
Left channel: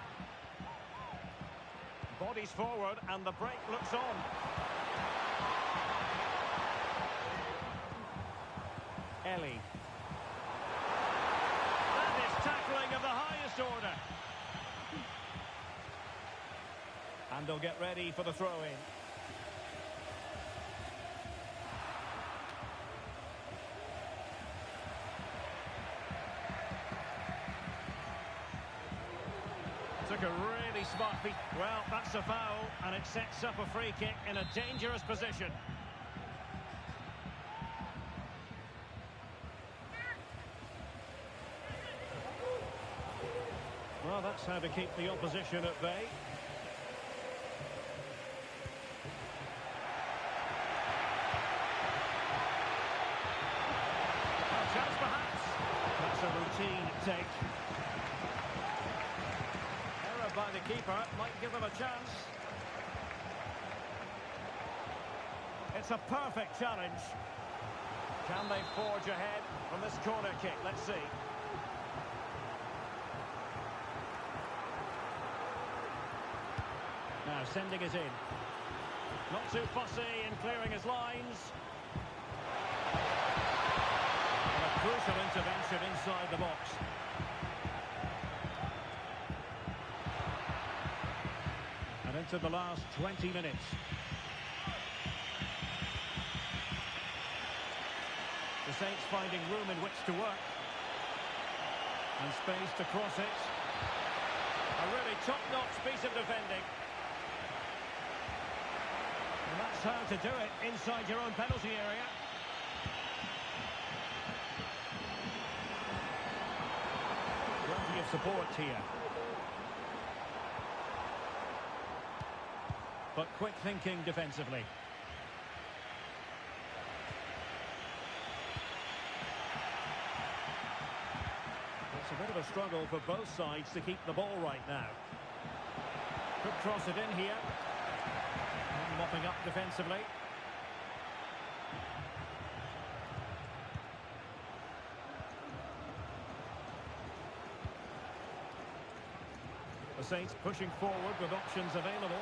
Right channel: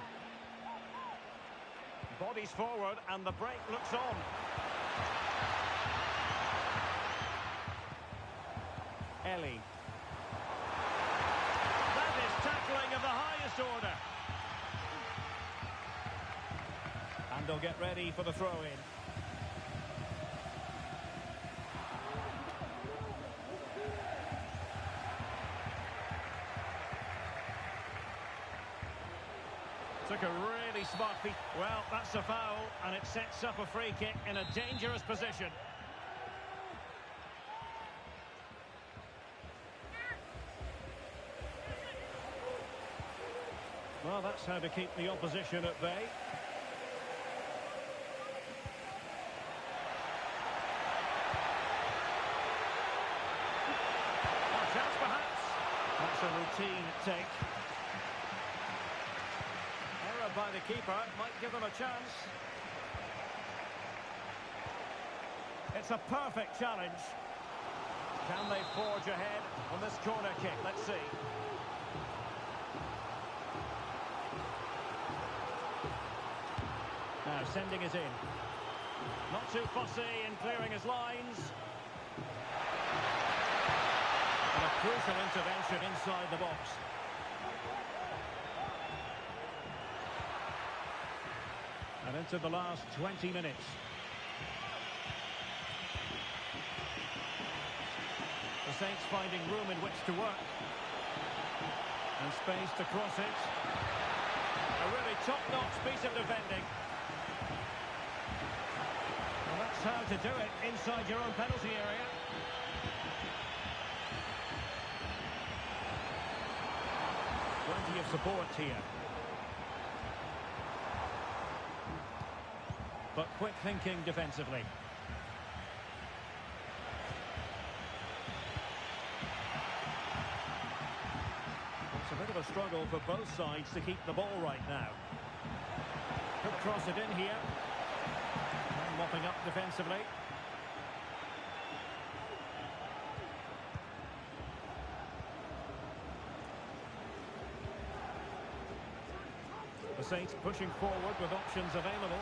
Bodies forward and the break looks on. Ellie. That is tackling of the highest order. And they'll get ready for the throw-in. Took a really smart piece. Well, that's a foul, and it sets up a free kick in a dangerous position. Well, that's how to keep the opposition at bay. Well, chance perhaps. That's a routine take. Error by the keeper might give them a chance. It's a perfect challenge. Can they forge ahead from this corner kick? Let's see. Now sending it in. Not too fussy in clearing his lines. And a crucial intervention inside the box. And into the last 20 minutes. The Saints finding room in which to work. And space to cross it. A really top-notch piece of defending. And that's how to do it inside your own penalty area. Plenty of support here. But quick thinking defensively. It's a bit of a struggle for both sides to keep the ball right now. Could cross it in here. Mopping up defensively. The Saints pushing forward with options available.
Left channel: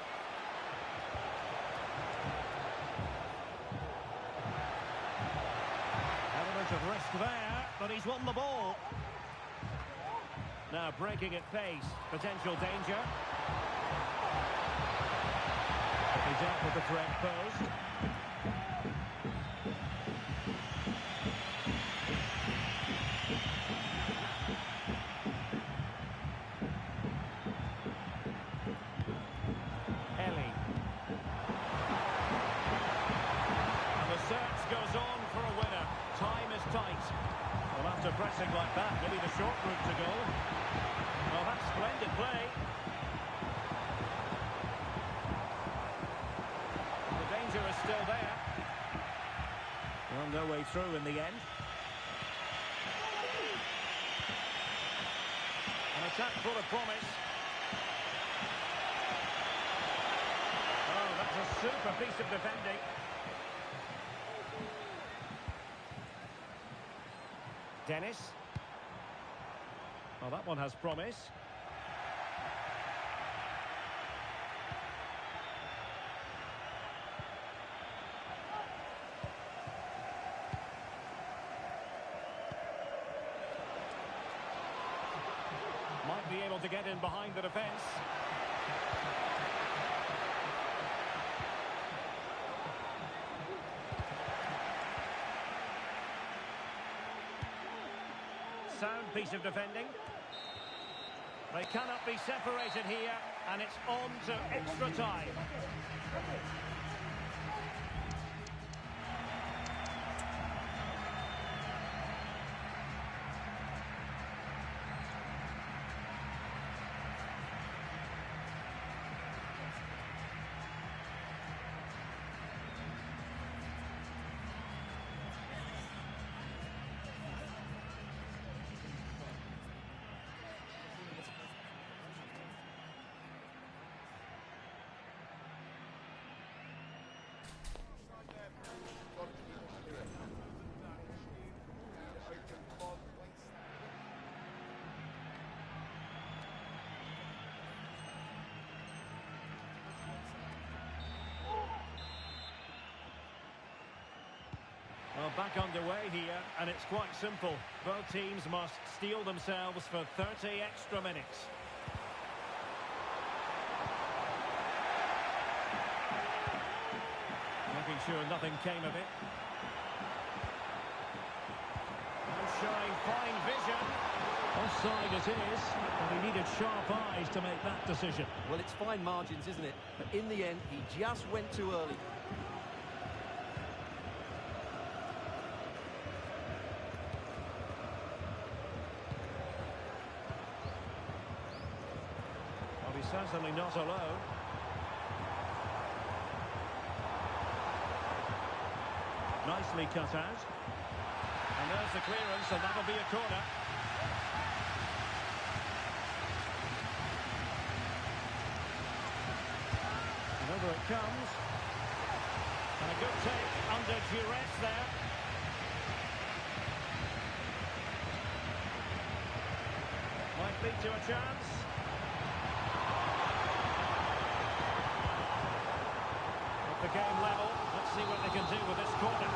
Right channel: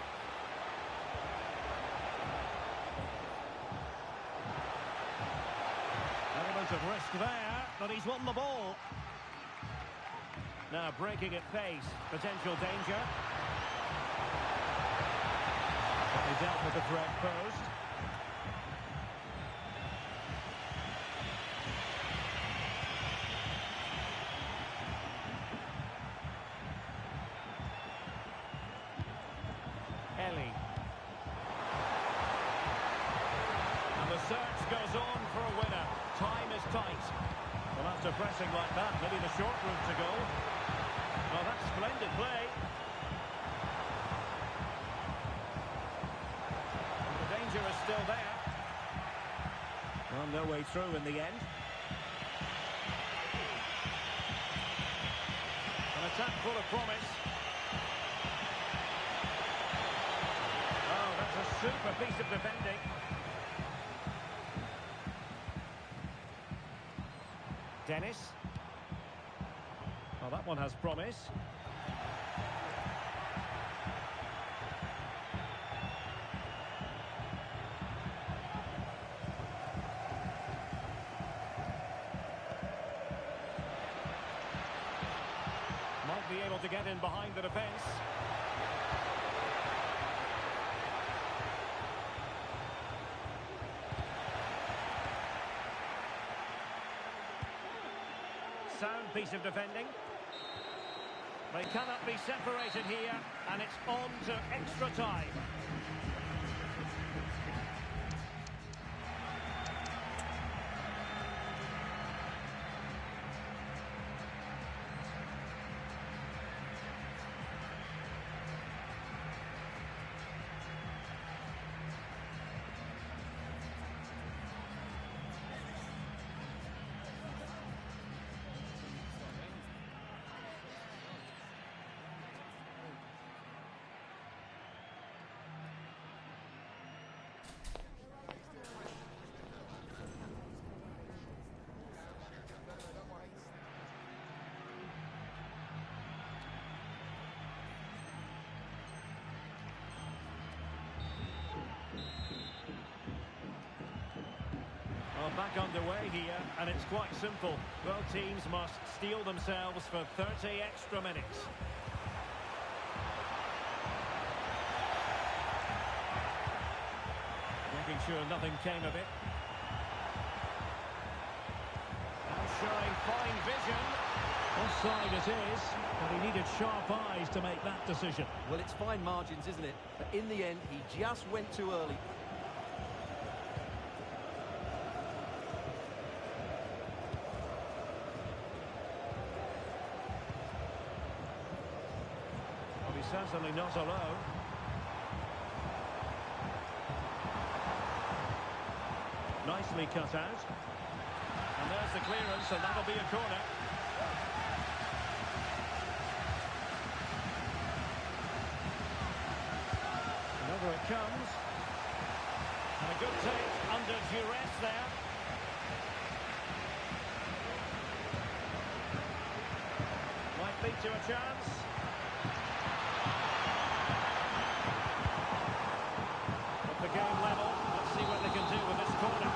Element of risk there, but he's won the ball. Now breaking at pace, potential danger. But they dealt with the threat posed. Ellie. And the search goes on for a winner. Time is tight. Well, after pressing like that, maybe the short route to goal. Well, that's splendid play. The danger is still there. Well, no way through in the end. An attack full of promise. Oh, that's a super piece of defending. Dennis. Well, that one has promise. Might be able to get in behind the defence. Sound piece of defending. They cannot be separated here, and it's on to extra time. Well, back underway here, and it's quite simple. Both teams must steel themselves for 30 extra minutes. Making sure nothing came of it. And showing fine vision. Offside it is, but he needed sharp eyes to make that decision. Well, it's fine margins, isn't it? But in the end, he just went too early. Well, he's certainly not alone. Nicely cut out. And there's the clearance, and that'll be a corner. And over it comes. And a good take under duress there. Might lead to a chance. With the game level, let's see what they can do with this corner.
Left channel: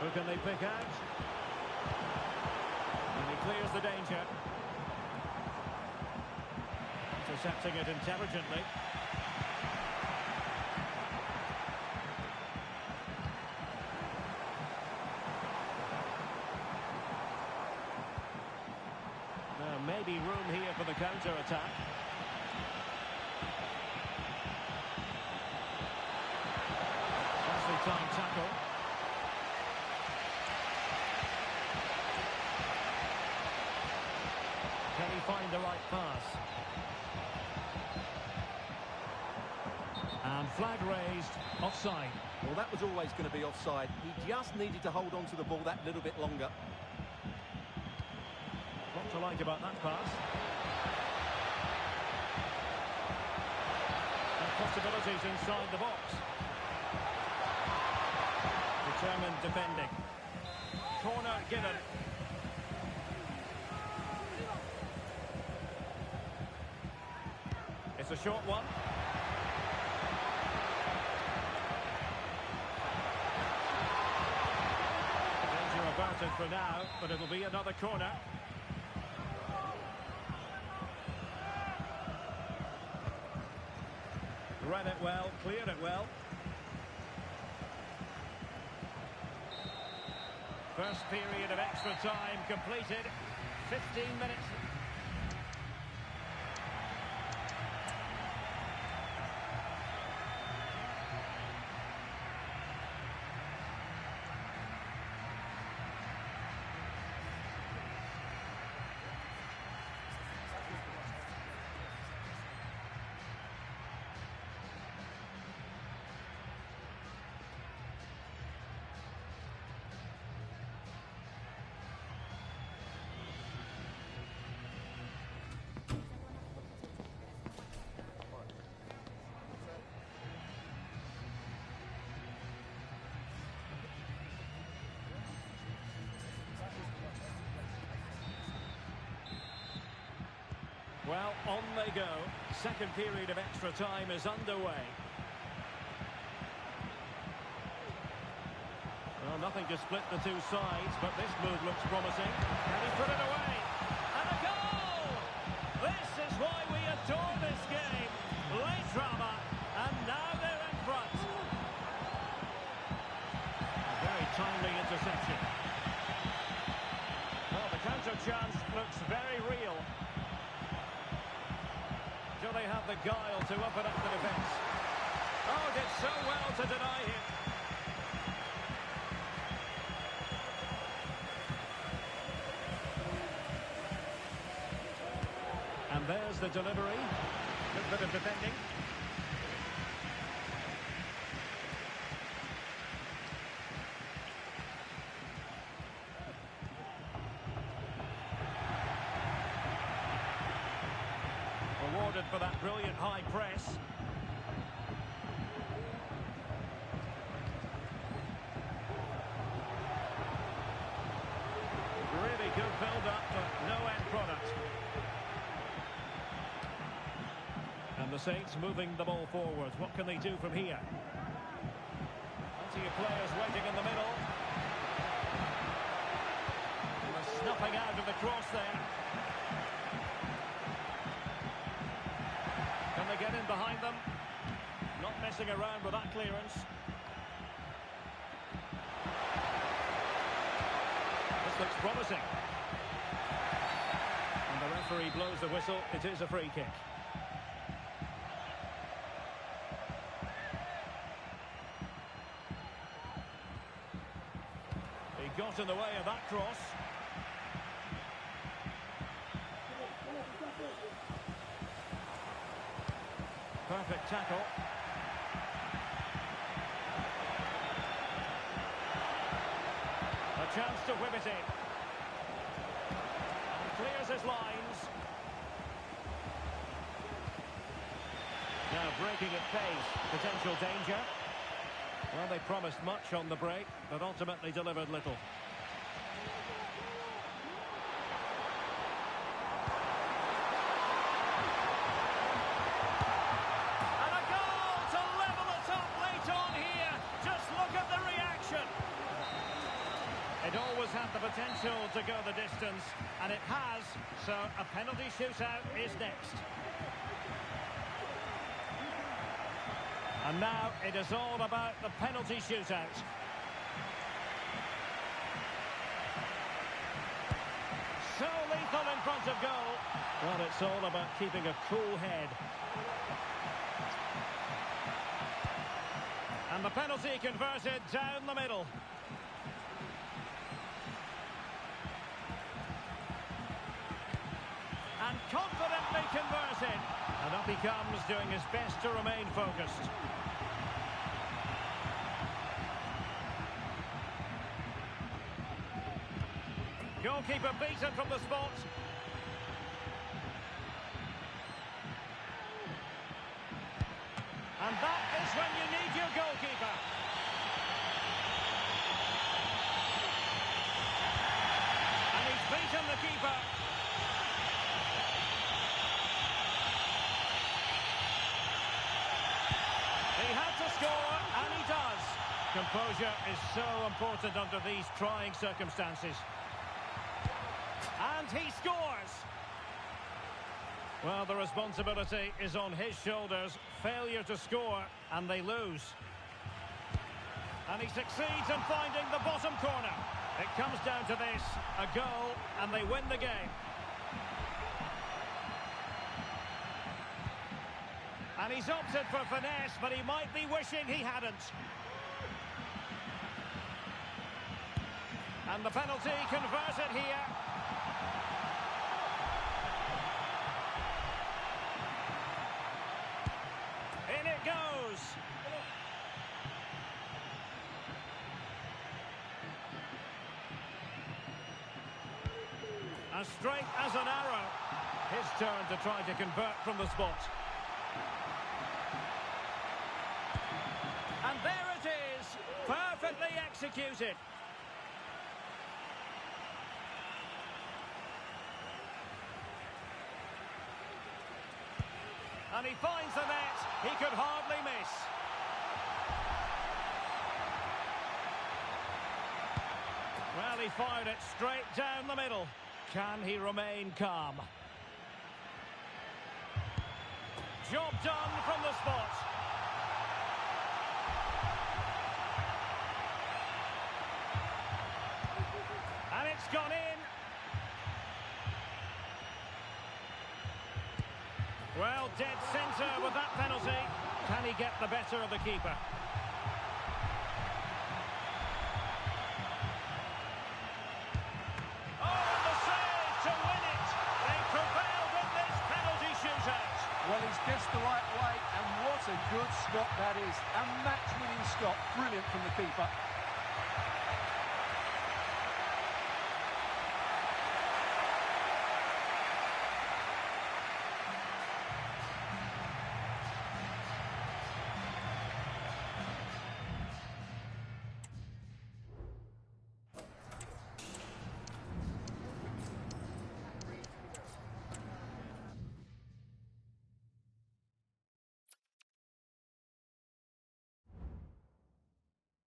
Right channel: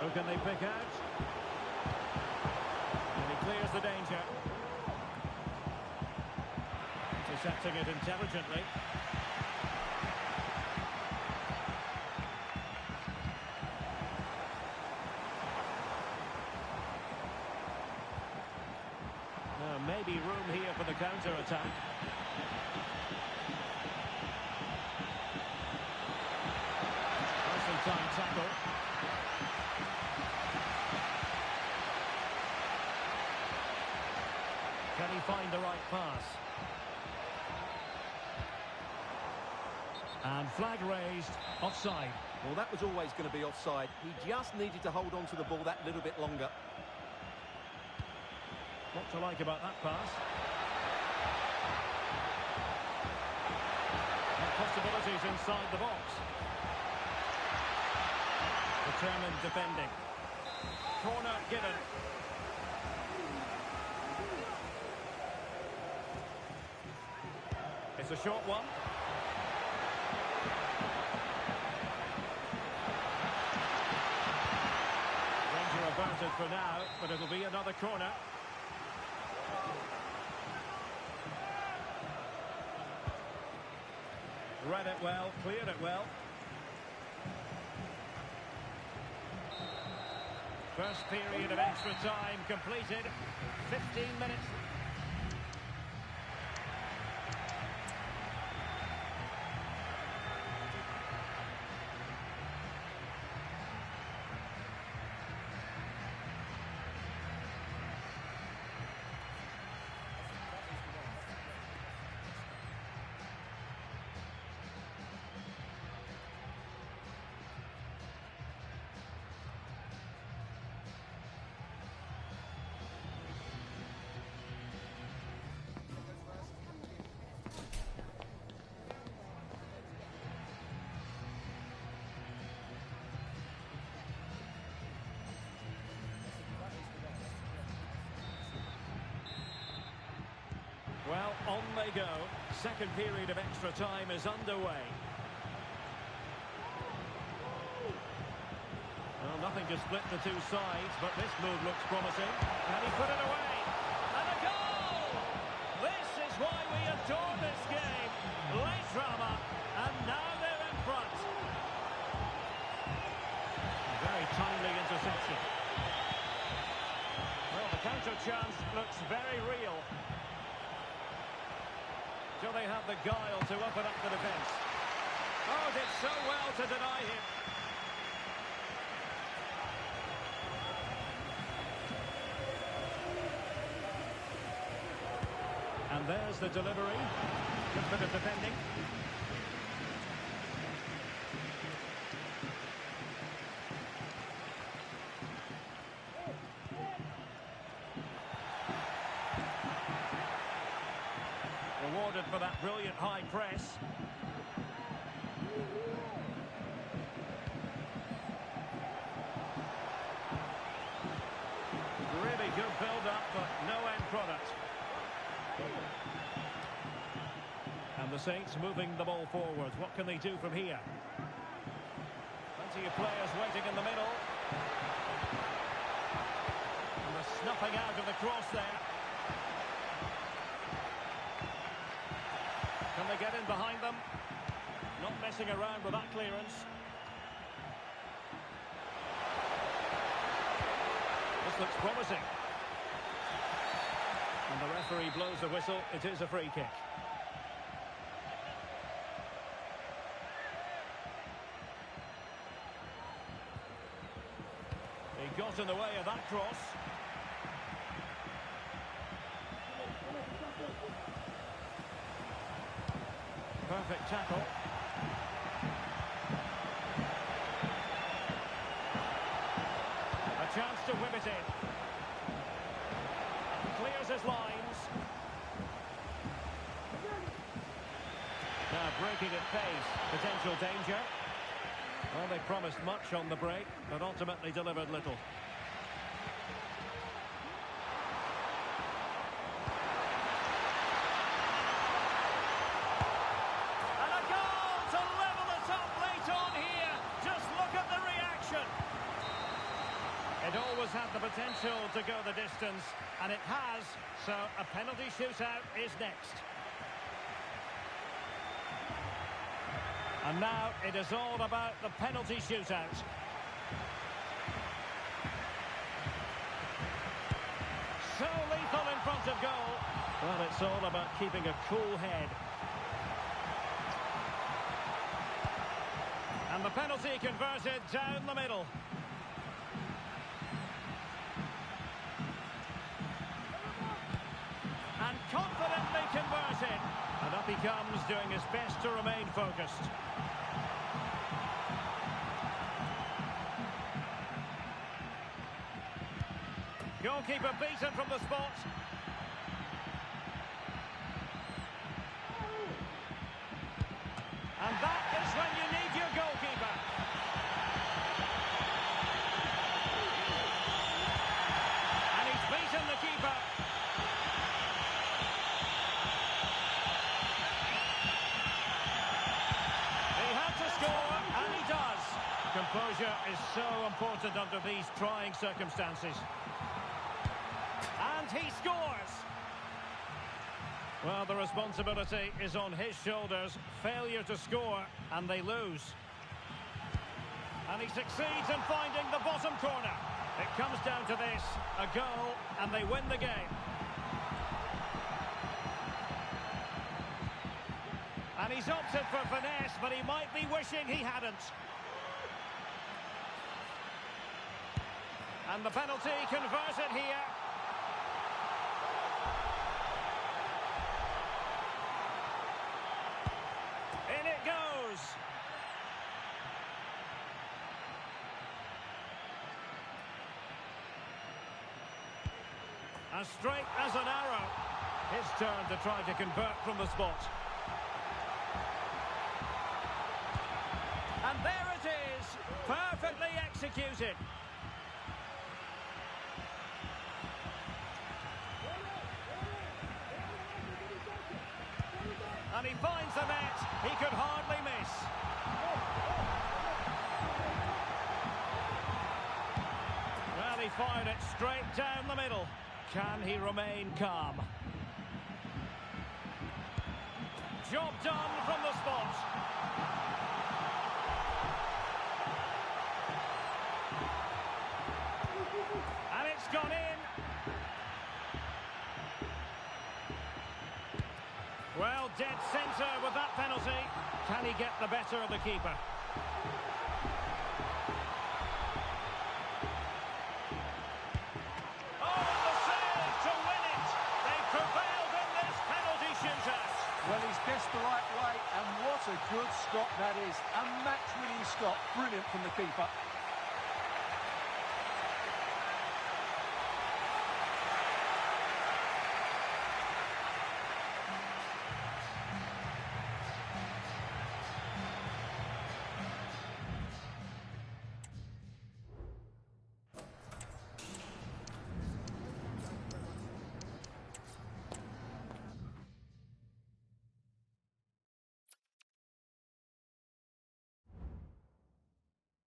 Who can they pick out? And he clears the danger. Intercepting it intelligently. Now maybe room here for the counter-attack. Nicely timed tackle. Can he find the right pass? And flag raised, offside. Well, that was always going to be offside. He just needed to hold on to the ball that little bit longer. What to like about that pass? And possibilities inside the box. Determined defending. Corner given. It's a short one. Danger averted for now, but it'll be another corner. Read it well, cleared it well. First period of extra time completed. 15 minutes. Well, on they go. Second period of extra time is underway. Well, nothing to split the two sides, but this move looks promising. Can he put it away? And a goal! This is why we adore this game. Late drama, and now they're in front. Very timely interception. Well, the counter chance looks very real. Do they have the guile to open up the defence? Oh, did so well to deny him. And there's the delivery. Good bit of defending. Rewarded for that brilliant high press. Really good build-up, but no And the Saints moving the ball forward. What can they do from here? Plenty of players waiting in the middle. And the snuffing out of the cross there. Can they get in behind them? Not messing around with that clearance. This looks promising. And the referee blows the whistle. It is a free kick. He got in the way of that cross. Perfect tackle. A chance to whip it in. And clears his lines. Now breaking at pace. Potential danger. Well, they promised much on the break, but ultimately delivered little. And a goal to level it up late on here. Just look at the reaction. It always had the potential to go the distance, and it has, so a penalty shootout is next. And now it is all about the penalty shootout. So lethal in front of goal. Well, it's all about keeping a cool head. And the penalty converted down the middle. And confidently converted. And up he comes, doing his best to remain focused. Goalkeeper beaten from the spot. And that is when you need your goalkeeper. And he's beaten the keeper. He had to score, and he does. Composure is so important under these trying circumstances. And he scores! Well, the responsibility is on his shoulders. Failure to score, and they lose. And he succeeds in finding the bottom corner. It comes down to this, a goal, and they win the game. And he's opted for finesse, but he might be wishing he hadn't. And the penalty converted here. In it goes. As straight as an arrow. His turn to try to convert from the spot. And there it is, perfectly executed. And he finds the net, he could hardly miss. Well, he fired it straight down the middle. Can he remain calm? Job done from the spot. And it's gone in. Well, dead centre with that penalty. Can he get the better of the keeper? Oh, and the save to win it. They prevailed in this penalty shootout. Well, he's guessed the right way, and what a good stop that is. A match-winning stop. Brilliant from the keeper.